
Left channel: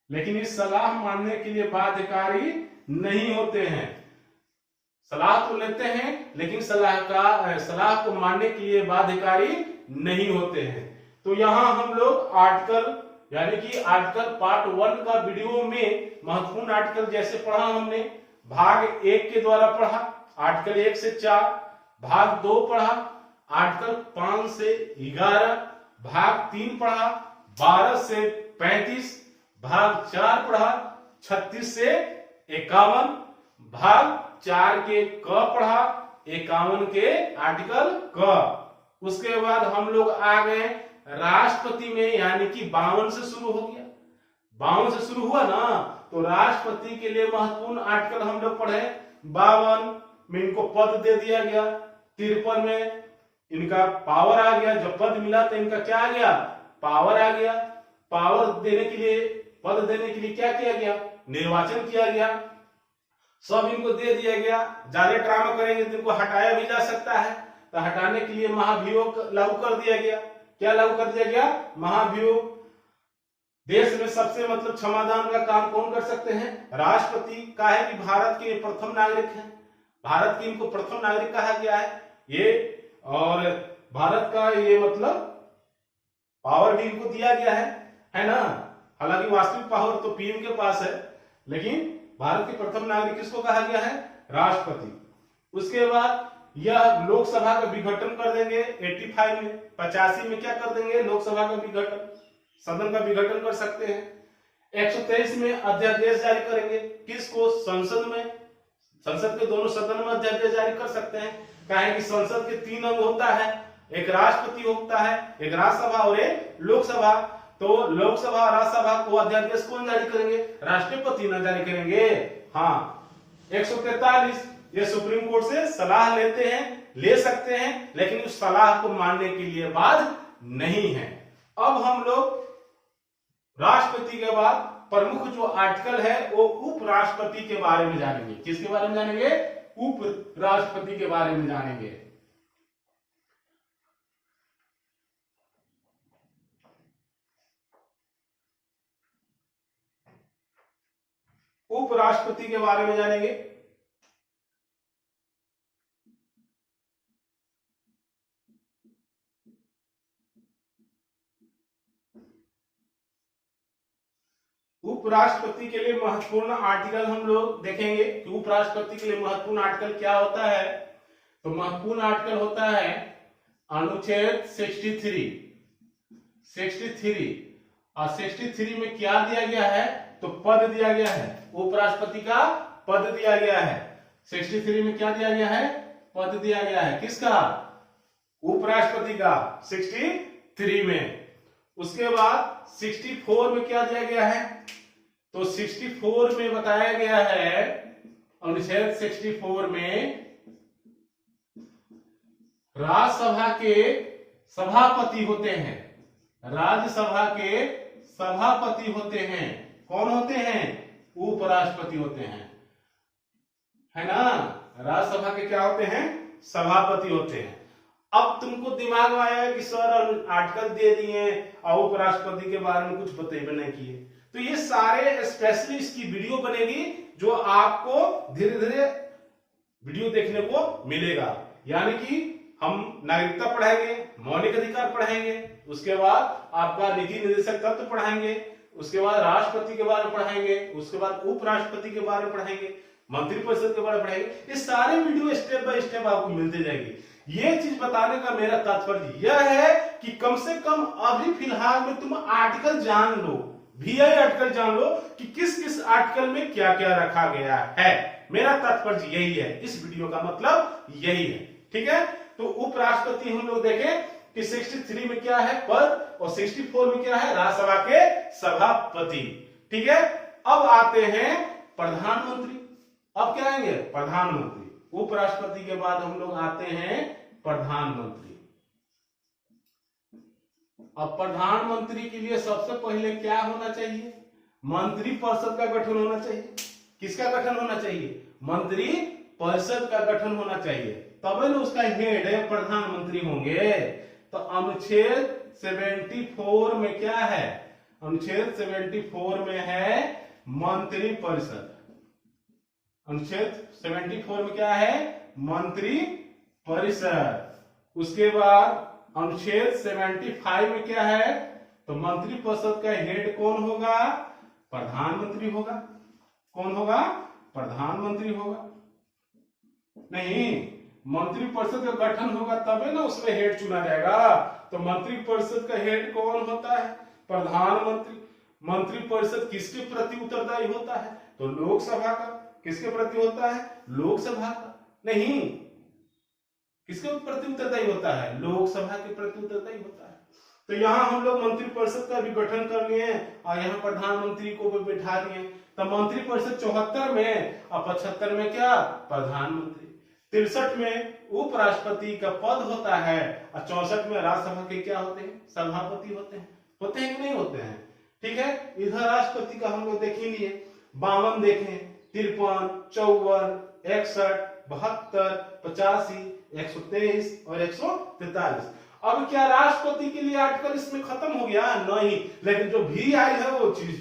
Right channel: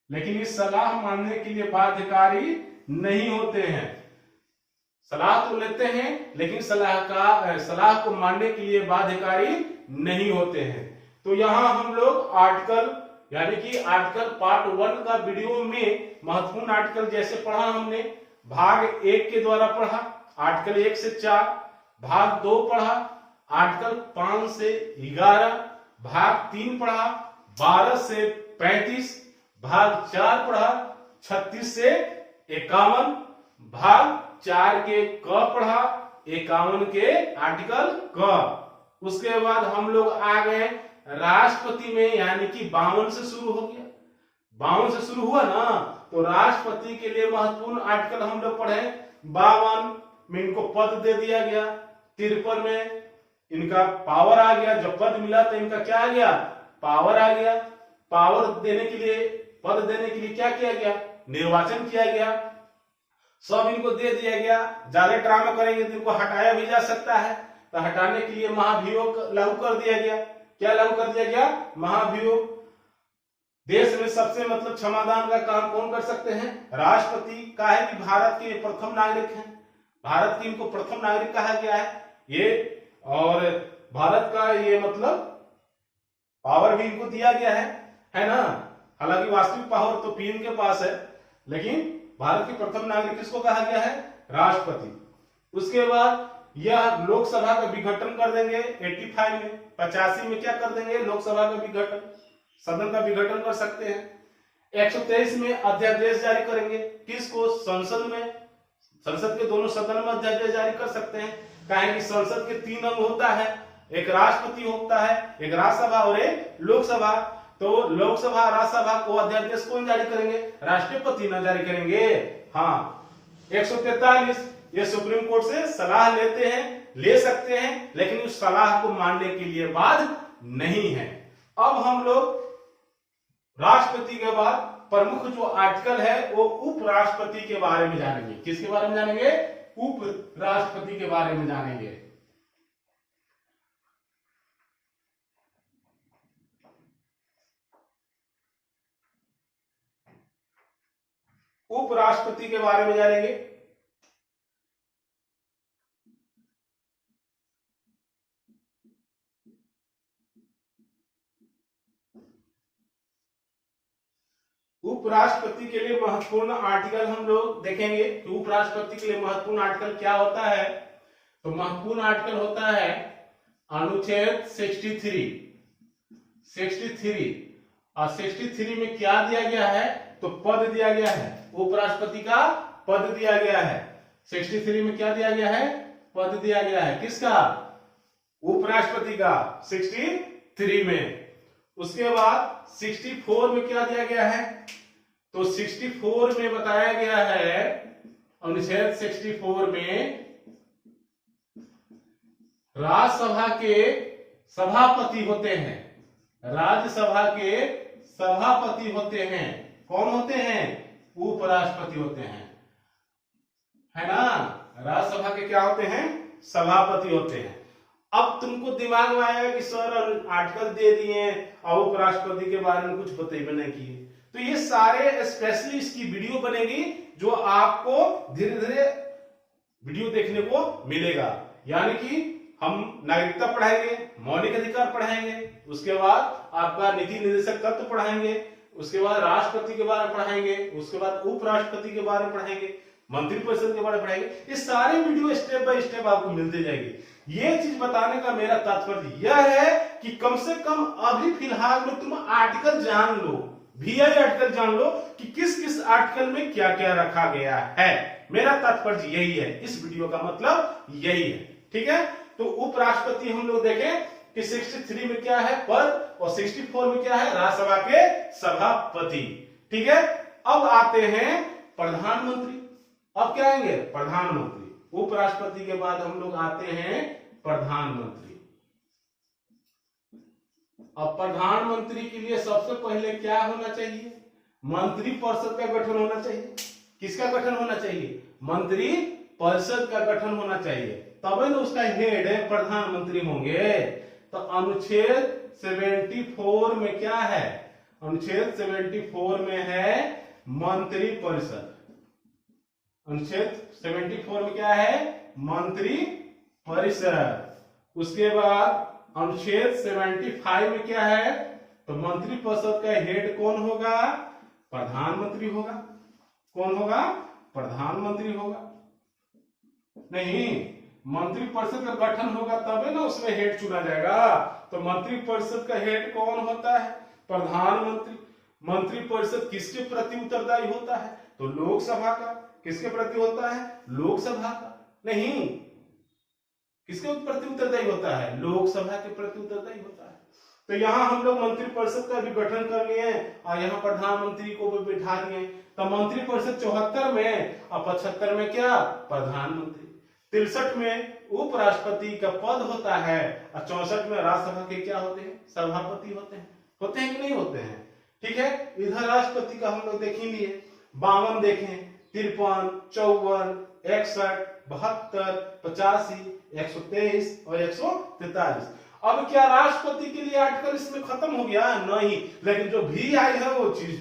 लेकिन इस सलाह मानने के लिए बाध्यकारी नहीं होते हैं। सलाह तो लेते हैं, लेकिन सलाह को मानने के लिए बाध्यकारी नहीं होते हैं। तो यहां हम लोग आर्टिकल, यानी कि आर्टिकल पार्ट 1 का वीडियो में महत्वपूर्ण आर्टिकल जैसे पढ़ा हमने, भाग 1 के द्वारा पढ़ा आर्टिकल 1 से 4, भाग 2 पढ़ा आर्टिकल 5 से 11, भाग 3 पढ़ा 12 से 35, भाग 4 पढ़ा 36 से 51, भाग 4 के क पढ़ा 51 के आर्टिकल क। उसके बाद हम लोग आ गए राष्ट्रपति में, यानी कि 52 से शुरू हो गया। 52 से शुरू हुआ ना, तो राष्ट्रपति के लिए महत्वपूर्ण आर्टिकल हम लोग पढ़े। 52 में इनको पद दे दिया गया, 53 में इनका पावर आ गया। जब पद मिला तो इनका क्या आ गया? पावर आ गया। पावर देने के लिए, पद देने के लिए क्या किया गया? निर्वाचन किया गया। सब इनको दे दिया गया। ज्यादा ड्रामा करेंगे तो इनको हटाया भी जा सकता है, तो हटाने के लिए महाभियोग लागू कर दिया गया। क्या लागू कर दिया गया? महाभियोग। देश में सबसे मतलब क्षमादान का काम कौन कर सकते हैं? राष्ट्रपति। का है कि भारत के प्रथम नागरिक हैं, भारत की इनको प्रथम नागरिक कहा गया है ये, और भारत का ये मतलब पावर भी इनको दिया गया है ना। हालांकि वास्तविक पावर तो पीएम के पास है, लेकिन भारत के प्रथम नागरिक किसको कहा गया है? राष्ट्रपति। उसके बाद यह लोकसभा का विघटन कर देंगे 85 में। 85 में क्या कर देंगे? लोकसभा का विघटन, सदन का विघटन कर सकते हैं। 123 में अध्यादेश जारी करेंगे। किसको? संसद में। संसद के दोनों सदन में अध्यादेश जारी कर सकते हैं। कहें कि संसद के 3 अंग होता है, एक राष्ट्रपति होता है, एक राज्यसभा और एक लोकसभा। तो लोकसभा राज्यसभा को अध्यादेश कौन जारी करेंगे? राष्ट्रपति न जारी करेंगे। हाँ। 143 ये सुप्रीम कोर्ट से सलाह लेते हैं ले सकते हैं, लेकिन उस सलाह को मानने के लिए बाध्य नहीं है। अब हम लोग राष्ट्रपति के बाद प्रमुख जो आर्टिकल है वो उपराष्ट्रपति के बारे में जानेंगे। किसके बारे में जानेंगे? उपराष्ट्रपति के बारे में जानेंगे। उपराष्ट्रपति के बारे में जानेंगे। उपराष्ट्रपति के लिए महत्वपूर्ण आर्टिकल हम लोग देखेंगे कि उपराष्ट्रपति के लिए महत्वपूर्ण आर्टिकल क्या होता है। तो महत्वपूर्ण आर्टिकल होता है अनुच्छेद 63 और 63 में क्या दिया गया है? तो पद दिया गया है, उपराष्ट्रपति का पद दिया गया है। 63 में क्या दिया गया है? पद दिया गया है। किसका? उपराष्ट्रपति का 63 में। उसके बाद 64 में क्या दिया गया है? तो 64 में बताया गया है, अनुच्छेद 64 में राज्यसभा के सभापति होते हैं। राज्यसभा के सभापति होते हैं। कौन होते हैं? उपराष्ट्रपति होते हैं, है ना। राज्यसभा के क्या होते हैं? सभापति होते हैं। अब तुमको दिमाग में आया कि सर आर्टिकल दे दिए और उपराष्ट्रपति के बारे में कुछ बतेबे नहीं किए, तो ये सारे स्पेशली इसकी वीडियो बनेगी जो आपको धीरे धीरे वीडियो देखने को मिलेगा। यानी कि हम नागरिकता पढ़ाएंगे, मौलिक अधिकार पढ़ाएंगे, उसके बाद आपका नीति निर्देशक तत्व पढ़ाएंगे, उसके बाद राष्ट्रपति के बारे में पढ़ाएंगे, उसके बाद उपराष्ट्रपति के बारे में पढ़ाएंगे, मंत्रिपरिषद के बारे में पढ़ाएंगे। ये सारे वीडियो स्टेप बाय स्टेप आपको मिलते जाएंगे। ये चीज बताने का मेरा तात्पर्य यह है कि कम से कम अभी फिलहाल में तुम आर्टिकल जान लो, VI आर्टिकल जान लो कि किस किस आर्टिकल में क्या क्या रखा गया है। मेरा तात्पर्य यही है, इस वीडियो का मतलब यही है। ठीक है, तो उपराष्ट्रपति हम लोग देखें कि 63 में क्या है? पद, और 64 में क्या है? राज्यसभा के सभापति। ठीक है, अब आते हैं प्रधानमंत्री। अब क्या आएंगे? प्रधानमंत्री। उपराष्ट्रपति के बाद हम लोग आते हैं प्रधानमंत्री। अब प्रधानमंत्री के लिए सबसे पहले क्या होना चाहिए? मंत्रिपरिषद का गठन होना चाहिए। किसका गठन होना चाहिए? मंत्री परिषद का गठन होना चाहिए, तभी ना उसका हेड है प्रधानमंत्री होंगे। तो अनुच्छेद 74 में क्या है? अनुच्छेद 74 में है मंत्री परिषद। अनुच्छेद 74 में क्या है? मंत्री परिषद। उसके बाद अनुच्छेद 75 में क्या है? तो मंत्री परिषद का हेड कौन होगा? प्रधानमंत्री होगा। कौन होगा? प्रधानमंत्री होगा। नहीं, मंत्री परिषद का गठन होगा तभी ना उसमें हेड चुना जाएगा। तो मंत्री परिषद का हेड कौन होता है? प्रधानमंत्री। मंत्री परिषद किसके प्रति उत्तरदायी होता है? तो लोकसभा का। किसके प्रति होता है? लोकसभा का। नहीं, किसके प्रति उत्तरदायी होता है? लोकसभा के प्रति उत्तरदायी होता है। तो यहां हम लोग मंत्री परिषद का भी गठन कर लिए और यहाँ प्रधानमंत्री को भी बैठा दिए। तो मंत्री परिषद 74 में और 75 में क्या? प्रधानमंत्री। 63 में उपराष्ट्रपति का पद होता है और 64 में राज्यसभा के क्या होते हैं? सभापति होते हैं। होते हैं कि नहीं होते हैं? ठीक है, इधर राष्ट्रपति का हम लोग देख ही लिए। 52 देखें, 53, 54, 61, 72, 85, 123 और 143। अब क्या राष्ट्रपति के लिए आर्टिकल इसमें खत्म हो गया? नहीं, लेकिन जो VI है वो चीज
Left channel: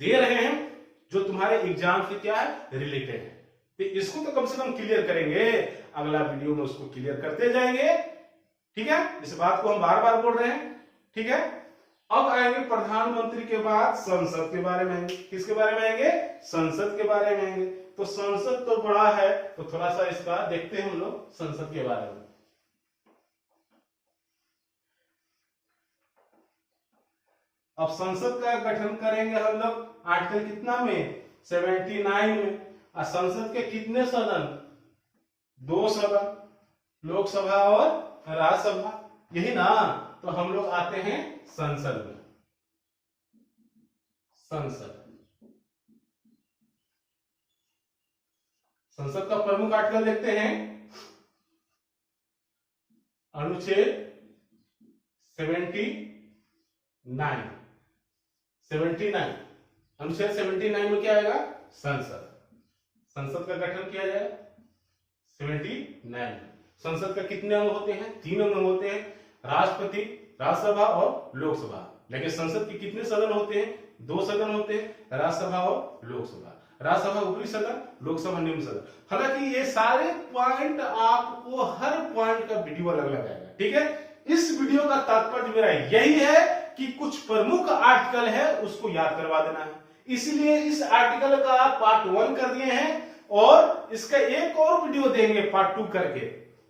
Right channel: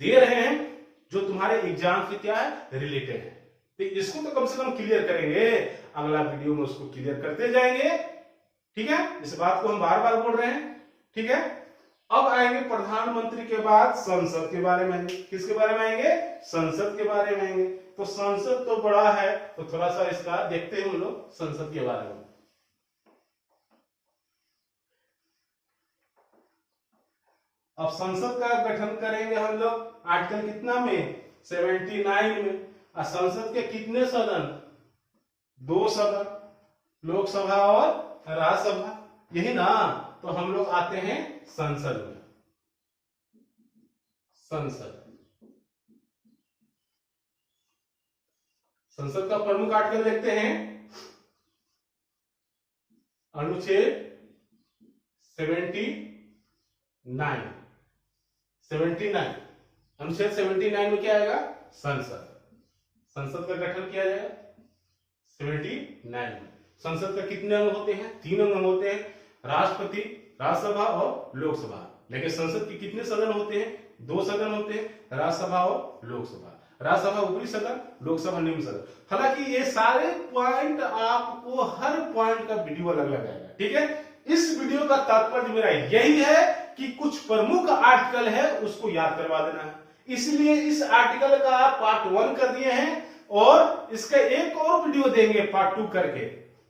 दे रहे हैं जो तुम्हारे एग्जाम से क्या है? रिलेटेड है। तो इसको तो कम से कम क्लियर करेंगे, अगला वीडियो में उसको क्लियर करते जाएंगे। ठीक है, इस बात को हम बार बार बोल रहे हैं। ठीक है, अब आएंगे प्रधानमंत्री के बाद संसद के बारे में आएंगे। किसके बारे में आएंगे? संसद के बारे में आएंगे। तो संसद तो बड़ा है, तो थोड़ा सा इसका देखते हैं हम लोग संसद के बारे में। अब संसद का गठन करेंगे हम लोग आर्टिकल कितना में? 79 में। और संसद के कितने सदन? 2 सदन, लोकसभा और राज्यसभा, यही ना। तो हम लोग आते हैं संसद में। संसद का प्रमुख आर्टिकल देखते हैं। अनुच्छेद 79 79 अनुच्छेद 79 में क्या आएगा? संसद। संसद का गठन किया जाएगा 79। संसद का कितने अंग होते हैं? 3 अंग होते हैं, राष्ट्रपति, राज्यसभा और लोकसभा। लेकिन संसद के कितने सदन होते हैं? 2 सदन होते हैं, राज्यसभा और लोकसभा। राज्यसभा ऊपरी सदन, लोकसभा निम्न सदन। हालांकि ये सारे पॉइंट आपको हर पॉइंट का वीडियो अलग अलग आएगा, ठीक है। इस वीडियो का तात्पर्य मेरा यही है कि कुछ प्रमुख आर्टिकल है उसको याद करवा देना है, इसलिए इस आर्टिकल का आप पार्ट 1 कर दिए हैं और इसका एक और वीडियो देंगे पार्ट 2 करके।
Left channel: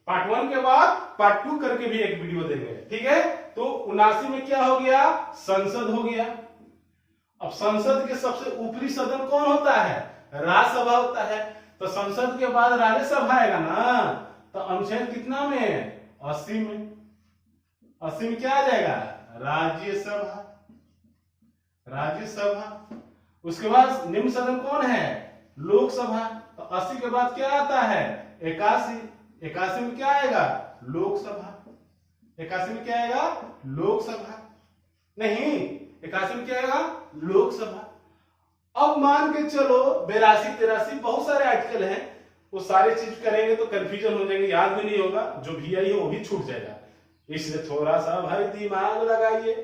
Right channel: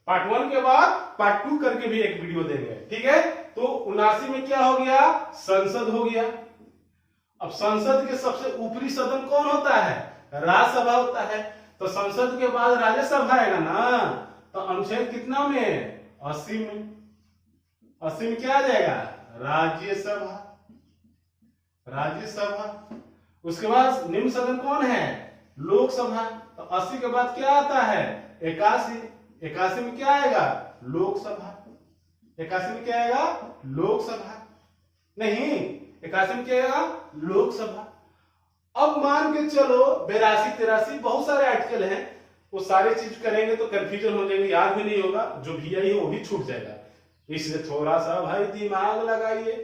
पार्ट 1 के बाद पार्ट 2 करके भी एक वीडियो देंगे, ठीक है। तो 79 में क्या हो गया? संसद हो गया। अब संसद के सबसे ऊपरी सदन कौन होता है? राज्यसभा होता है। तो संसद के बाद राज्यसभा आएगा ना, तो अनुच्छेद कितना में? 80 में। 80 में क्या आ जाएगा? राज्यसभा। राज्यसभा। उसके बाद निम्न सदन कौन है? लोकसभा। तो 80 के बाद क्या आता है? 81। 81 में क्या आएगा? लोकसभा। 81 में क्या आएगा? लोकसभा। नहीं, 81 में क्या आएगा? लोकसभा। अब मान के चलो 82, 83 बहुत सारे आर्टिकल हैं, वो सारे चीज करेंगे तो कंफ्यूजन हो जाएंगे, याद भी नहीं होगा, जो भी आई हो वो भी छूट जाएगा। इसलिए थोड़ा सा भाई दिमाग लगाइए,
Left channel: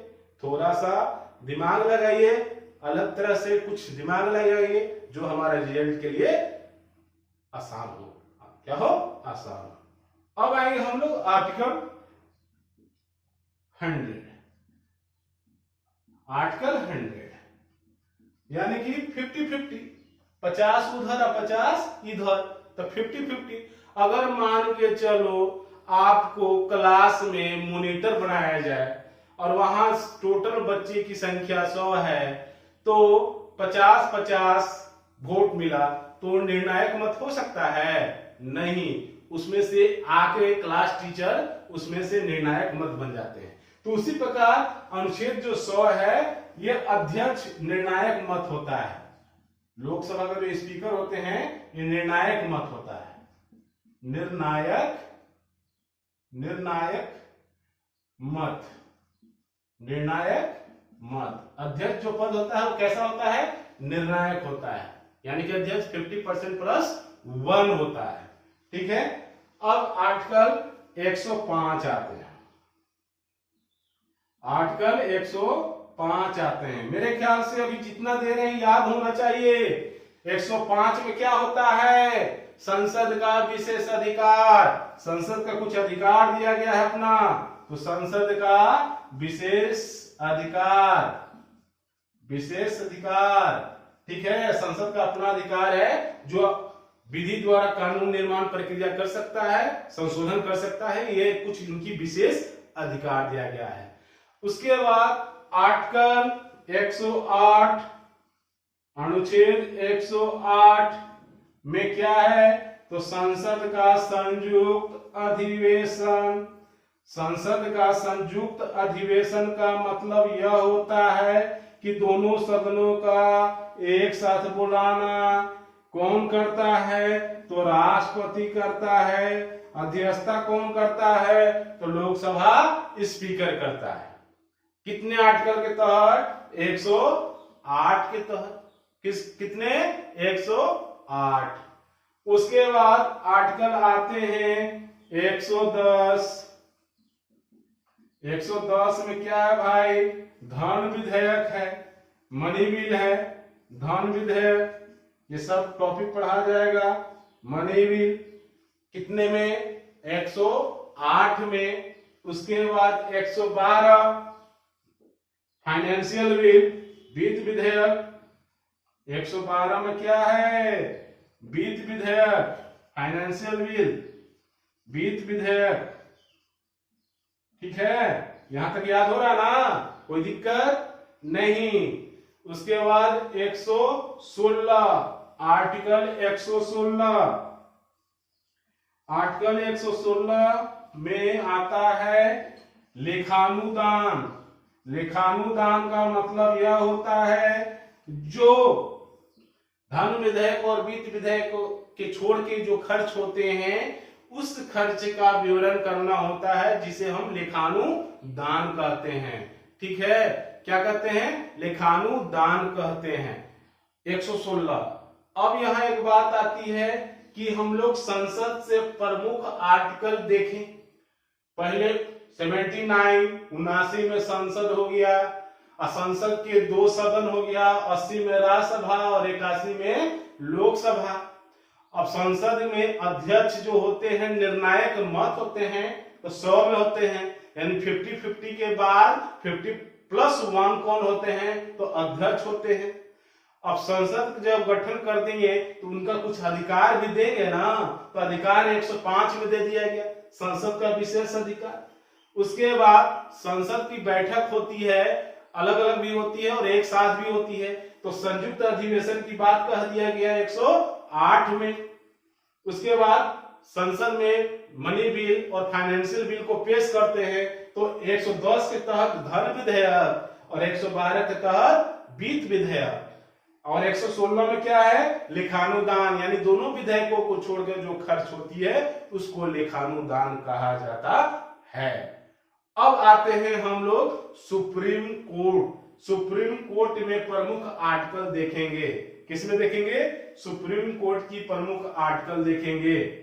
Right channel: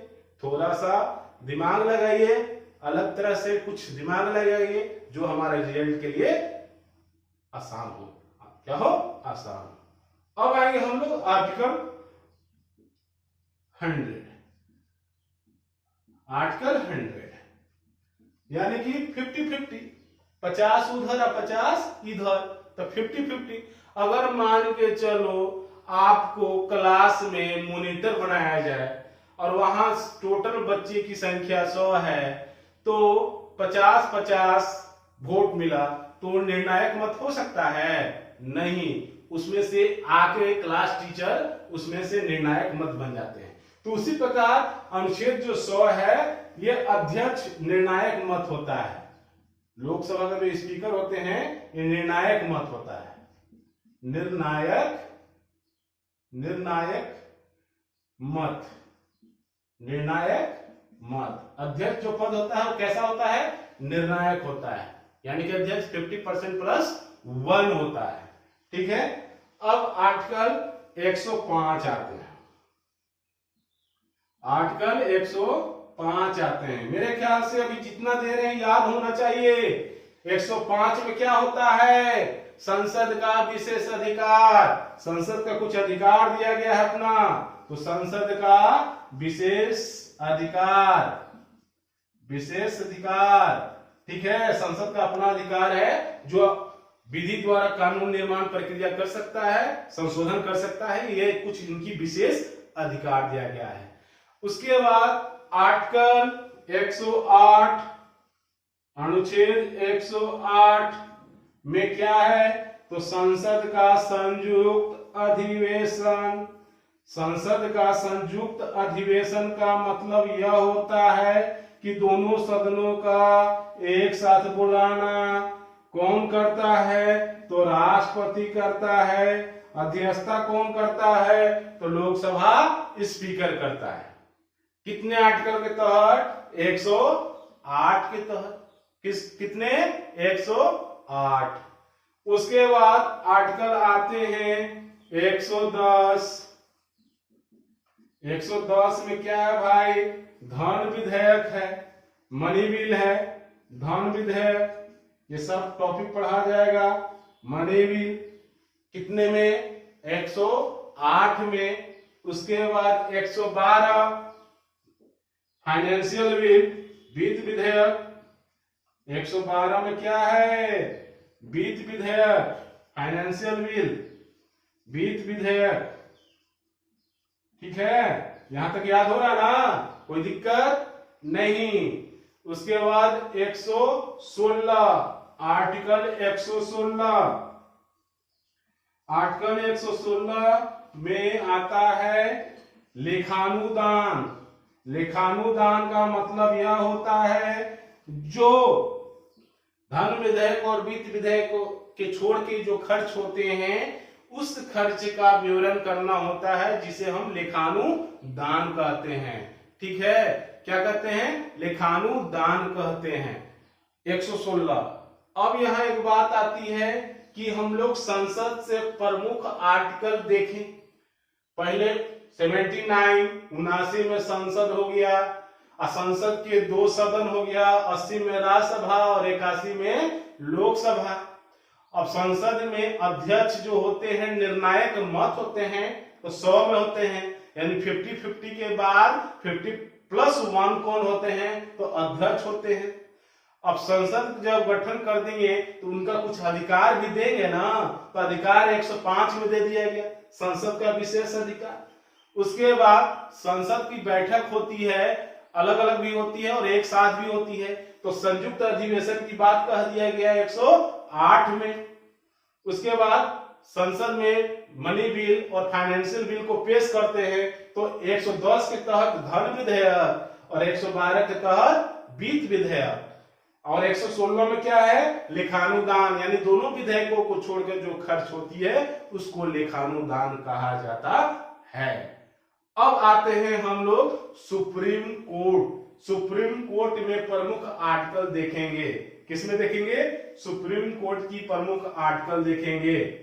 थोड़ा सा दिमाग लगाइए, अलग तरह से कुछ दिमाग लगाइए जो हमारे रिजल्ट के लिए आसान हो। क्या हो? आसान। अब आएंगे हम लोग आर्टिकल 100। आर्टिकल 100 यानी कि 50-50, 50 उधर और 50 इधर, तो 50-50। अगर मान के चलो आपको क्लास में मॉनिटर बनाया जाए और वहां टोटल बच्चे की संख्या 100 है, तो 50-50 वोट मिला, तो निर्णायक मत हो सकता है? नहीं, उसमें से आके क्लास टीचर उसमें से निर्णायक मत बन जाते हैं। तो उसी प्रकार अनुच्छेद जो 100 है, ये अध्यक्ष निर्णायक मत होता है। लोकसभा का जो स्पीकर होते हैं ये निर्णायक मत होता है। निर्णायक मत, निर्णायक मत। अध्यक्ष जो पद होता है वो कैसा होता है? निर्णायक होता है, यानी कि अध्यक्ष 50% प्लस 1 होता है, ठीक है। अब आर्टिकल 105 आते हैं। आर्टिकल 105 आते हैं। मेरे ख्याल से अभी जितना दे रहे हैं याद होना चाहिए। 105 में क्या होता है? संसद का विशेष अधिकार। संसद का कुछ अधिकार दिया गया है अपना, तो संसद का विशेष अधिकार, विशेष अधिकार, ठीक है। संसद का अपना अधिकार है जो विधि द्वारा कानून निर्माण प्रक्रिया कर सकता है, संशोधन कर सकता है, ये कुछ इनकी विशेष अधिकार दिया गया है। उसके बाद आर्टिकल 108, अनुच्छेद 108 में क्या है? तो संसद का संयुक्त अधिवेशन। संसद का संयुक्त अधिवेशन का मतलब यह होता है कि दोनों सदनों का एक साथ बुलाना। कौन करता है? तो राष्ट्रपति करता है। अध्यक्षता कौन करता है? तो लोकसभा स्पीकर करता है। कितने आर्टिकल के तहत? 108 के तहत। कितने? 108। उसके बाद आर्टिकल आते हैं 110। 110 में क्या है भाई? धन विधेयक है, मनी बिल है, धन विधेयक, ये सब टॉपिक पढ़ा जाएगा। मनी बिल कितने में? 108 में। उसके बाद 112 फाइनेंशियल बिल, वित्त विधेयक। 112 में क्या है? वित्त विधेयक, फाइनेंशियल बिल, वित्त विधेयक, ठीक है। यहां तक याद हो रहा ना? कोई दिक्कत नहीं। उसके बाद 116, आर्टिकल 116। आर्टिकल 116 में आता है लेखानुदान। लेखानुदान का मतलब यह होता है जो धन विधेयक और वित्त विधेयक के छोड़ के जो खर्च होते हैं उस खर्च का विवरण करना होता है जिसे हम लेखानुदान कहते हैं। ठीक है, क्या कहते हैं? लेखानुदान कहते हैं। 116। अब यहाँ एक बात आती है कि हम लोग संसद से प्रमुख आर्टिकल देखें। पहले 79 79 में संसद हो गया, संसद के 2 सदन हो गया, 80 में राज्यसभा और 81 में लोकसभा। अब संसद में अध्यक्ष जो होते हैं, निर्णायक मत होते हैं तो 100 में होते हैं, यानी 50-50 के बाद 50+1 कौन होते हैं? तो अध्यक्ष होते हैं। अब संसद जब गठन कर देंगे तो उनका कुछ अधिकार भी देंगे ना, तो अधिकार 105 में दे दिया गया, संसद का विशेष अधिकार। उसके बाद संसद की बैठक होती है, अलग अलग भी होती है और एक साथ भी होती है, तो संयुक्त अधिवेशन की बात कह दिया गया 108 में। उसके बाद संसद में मनी बिल और फाइनेंशियल बिल को पेश करते हैं, तो 110 के तहत धन विधेयक और 112 के तहत वित्त विधेयक, और 116 में क्या है? लेखानुदान, यानी दोनों विधेयकों को छोड़कर जो खर्च होती है उसको लेखानुदान कहा जाता है। अब आते हैं हम लोग सुप्रीम कोर्ट। सुप्रीम कोर्ट में प्रमुख आर्टिकल देखेंगे। किसमें देखेंगे? सुप्रीम कोर्ट की प्रमुख आर्टिकल देखेंगे।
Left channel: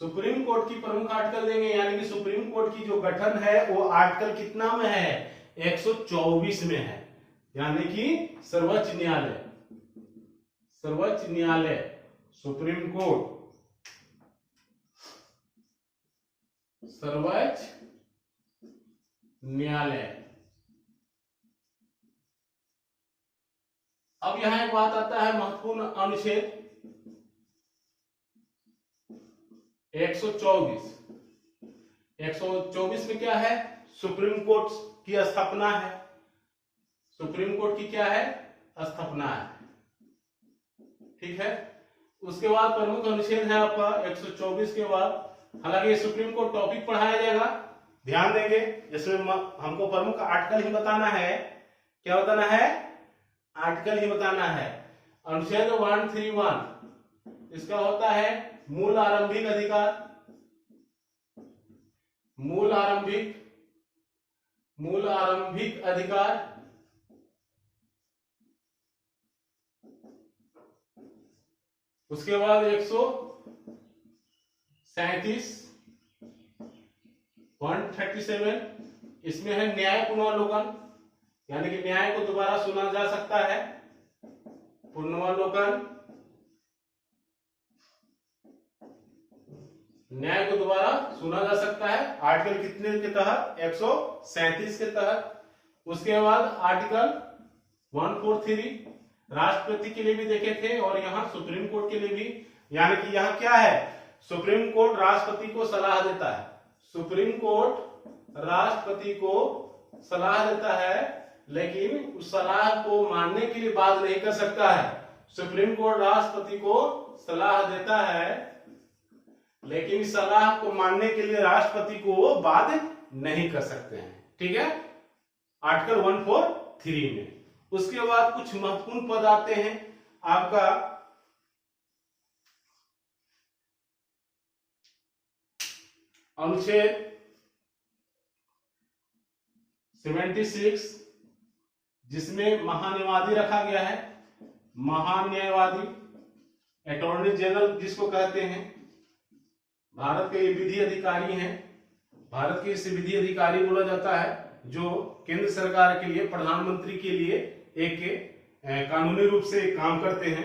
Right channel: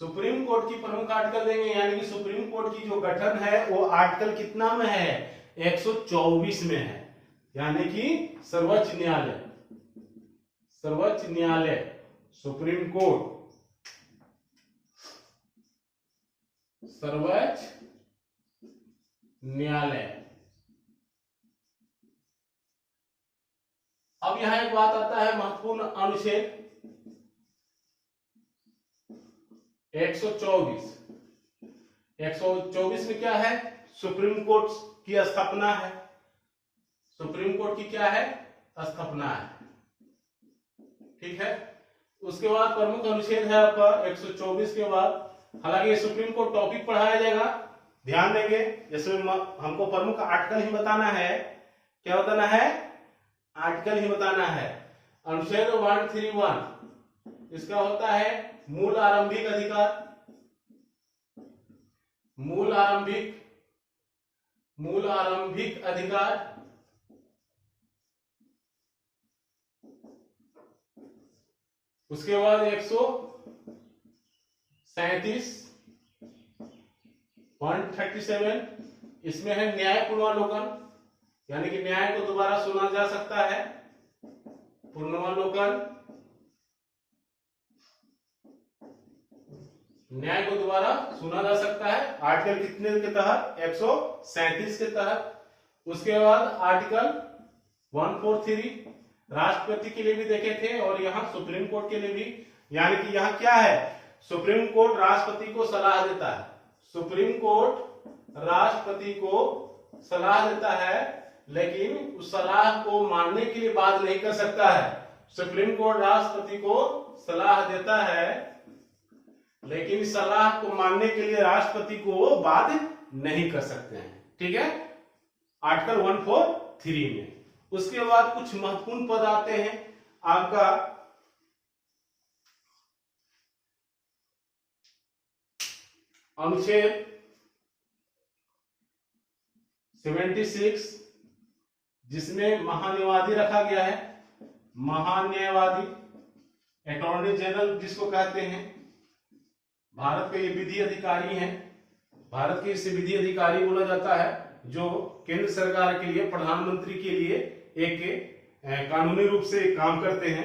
सुप्रीम कोर्ट की प्रमुख आर्टिकल देंगे, यानी कि सुप्रीम कोर्ट की जो गठन है वो आर्टिकल कितना में है? 124 में है, यानी कि सर्वोच्च न्यायालय, सर्वोच्च न्यायालय, सुप्रीम कोर्ट, सर्वोच्च न्यायालय। अब यहां एक बात आता है महत्वपूर्ण, अनुच्छेद 124। 124 में क्या है? सुप्रीम कोर्ट की स्थापना है। सुप्रीम कोर्ट की क्या है? स्थापना है। ठीक है। उसके बाद प्रमुख अनुच्छेद है आपका 124 के बाद। हालांकि सुप्रीम कोर्ट टॉपिक पढ़ाया जाएगा, ध्यान देंगे। जिसमें हमको प्रमुख आर्टिकल ही बताना है। क्या बताना है? आर्टिकल ही बताना है। अनुच्छेद 131 इसका होता है मूल आरंभिक अधिकार, मूल आरंभिक अधिकार। उसके बाद 137 इसमें है न्याय पुनर्वलोकन, यानी कि न्याय को दोबारा सुना जा सकता है, पुनर्वलोकन, न्याय को दोबारा सुना जा सकता है। आर्टिकल कितने के तहत? 137 के तहत। उसके बाद आर्टिकल 143 राष्ट्रपति के लिए भी देखे थे और यहाँ सुप्रीम कोर्ट के लिए भी, यानी कि यहाँ क्या है? सुप्रीम कोर्ट राष्ट्रपति को सलाह देता है, सुप्रीम कोर्ट राष्ट्रपति को सलाह देता है, लेकिन उस सलाह को मानने के लिए बात नहीं कर सकता है। सुप्रीम कोर्ट राष्ट्रपति को सलाह देता है, लेकिन इस सलाह को मानने के लिए राष्ट्रपति को वो बात नहीं कर सकते हैं। ठीक है, आर्टिकल 143 में। उसके बाद कुछ महत्वपूर्ण पद आते हैं आपका अनुच्छेद 76 जिसमें महान्यायवादी रखा गया है, महान्यायवादी, अटॉर्नी जनरल जिसको कहते हैं। भारत के ये विधि अधिकारी हैं, भारत के इसे विधि अधिकारी बोला जाता है, जो केंद्र सरकार के लिए, प्रधानमंत्री के लिए एक कानूनी रूप से काम करते हैं,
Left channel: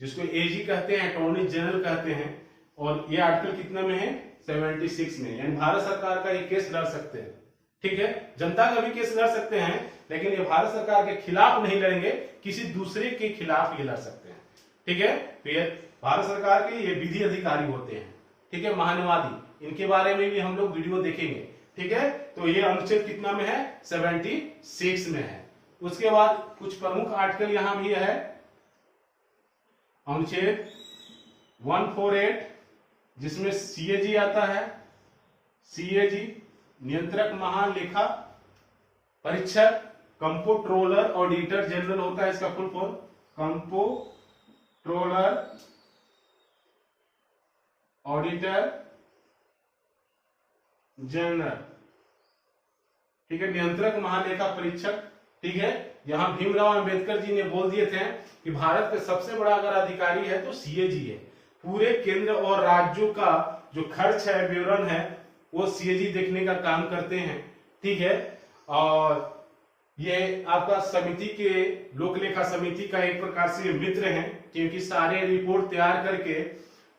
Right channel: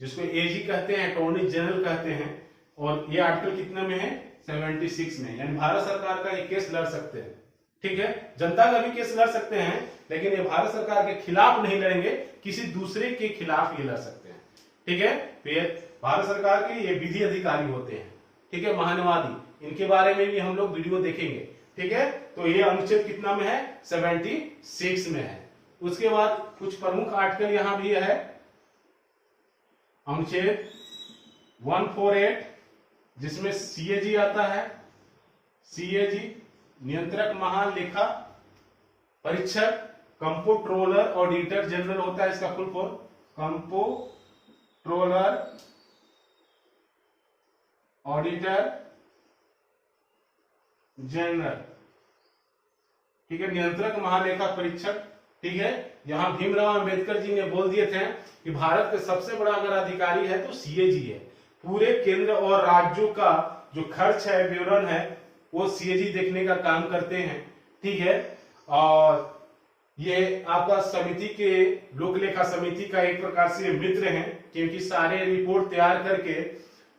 जिसको एजी कहते हैं, अटॉर्नी जनरल कहते हैं। और ये आर्टिकल कितना में है? 76 में, यानी भारत सरकार का ये केस लड़ सकते हैं। ठीक है, जनता का भी केस लड़ सकते हैं, लेकिन ये भारत सरकार के खिलाफ नहीं लड़ेंगे, किसी दूसरे के खिलाफ ये लड़ सकते हैं। ठीक है, तो ये भारत सरकार के ये विधि अधिकारी होते हैं। ठीक है, महान्यायवादी, इनके बारे में भी हम लोग वीडियो देखेंगे। ठीक है, तो ये अनुच्छेद कितना में है? 76 में है। उसके बाद कुछ प्रमुख आर्टिकल यहां भी है, अनुच्छेद 148 जिसमें सीएजी आता है, सीएजी नियंत्रक महालेखा परीक्षक, कंप्ट्रोलर ऑडिटर जनरल होता है इसका full form, comptroller auditor general, ठीक है, नियंत्रक महालेखा परीक्षक, ठीक है। यहां भीमराव अंबेडकर जी ने बोल दिए थे कि भारत के सबसे बड़ा अगर अधिकारी है तो सीएजी है। पूरे केंद्र और राज्यों का जो खर्च है, विवरण है, वो सीएजी देखने का काम करते हैं, ठीक है। और ये आपका समिति के, लोक लेखा समिति का एक प्रकार से मित्र हैं, क्योंकि सारे रिपोर्ट तैयार करके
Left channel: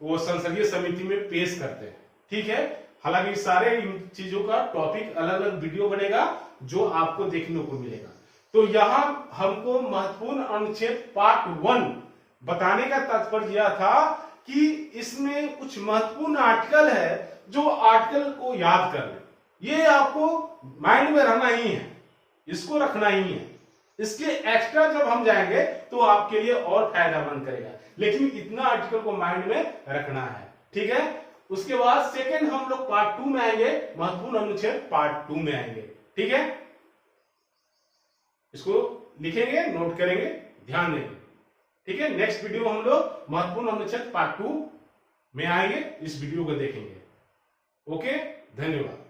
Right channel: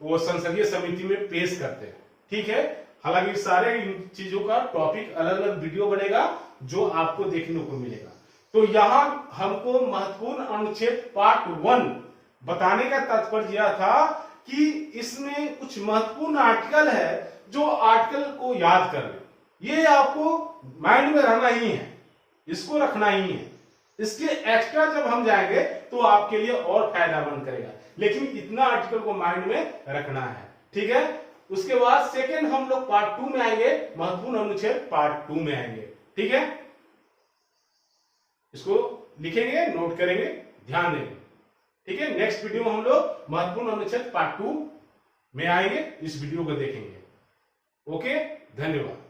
वो संसदीय समिति में पेश करते हैं, ठीक है। हालांकि सारे इन चीजों का टॉपिक अलग अलग वीडियो बनेगा जो आपको देखने को मिलेगा। तो यहां हमको महत्वपूर्ण अनुच्छेद पार्ट 1 बताने का तात्पर्य यह था कि इसमें कुछ महत्वपूर्ण आर्टिकल है, जो आर्टिकल को याद कर ले, ये आपको माइंड में रहना ही है, इसको रखना ही है। इसके एक्स्ट्रा जब हम जाएंगे तो आपके लिए और फायदामंद करेगा, लेकिन इतना आर्टिकल को माइंड में रखना है, ठीक है। उसके बाद सेकंड हम लोग पार्ट 2 में आएंगे, महत्वपूर्ण अनुच्छेद पार्ट 2 में आएंगे, ठीक है। इसको लिखेंगे, नोट करेंगे, ध्यान देंगे, ठीक है। नेक्स्ट वीडियो में हम लोग महत्वपूर्ण अनुच्छेद पार्ट 2 में आएंगे, इस वीडियो को देखेंगे। ओके, धन्यवाद।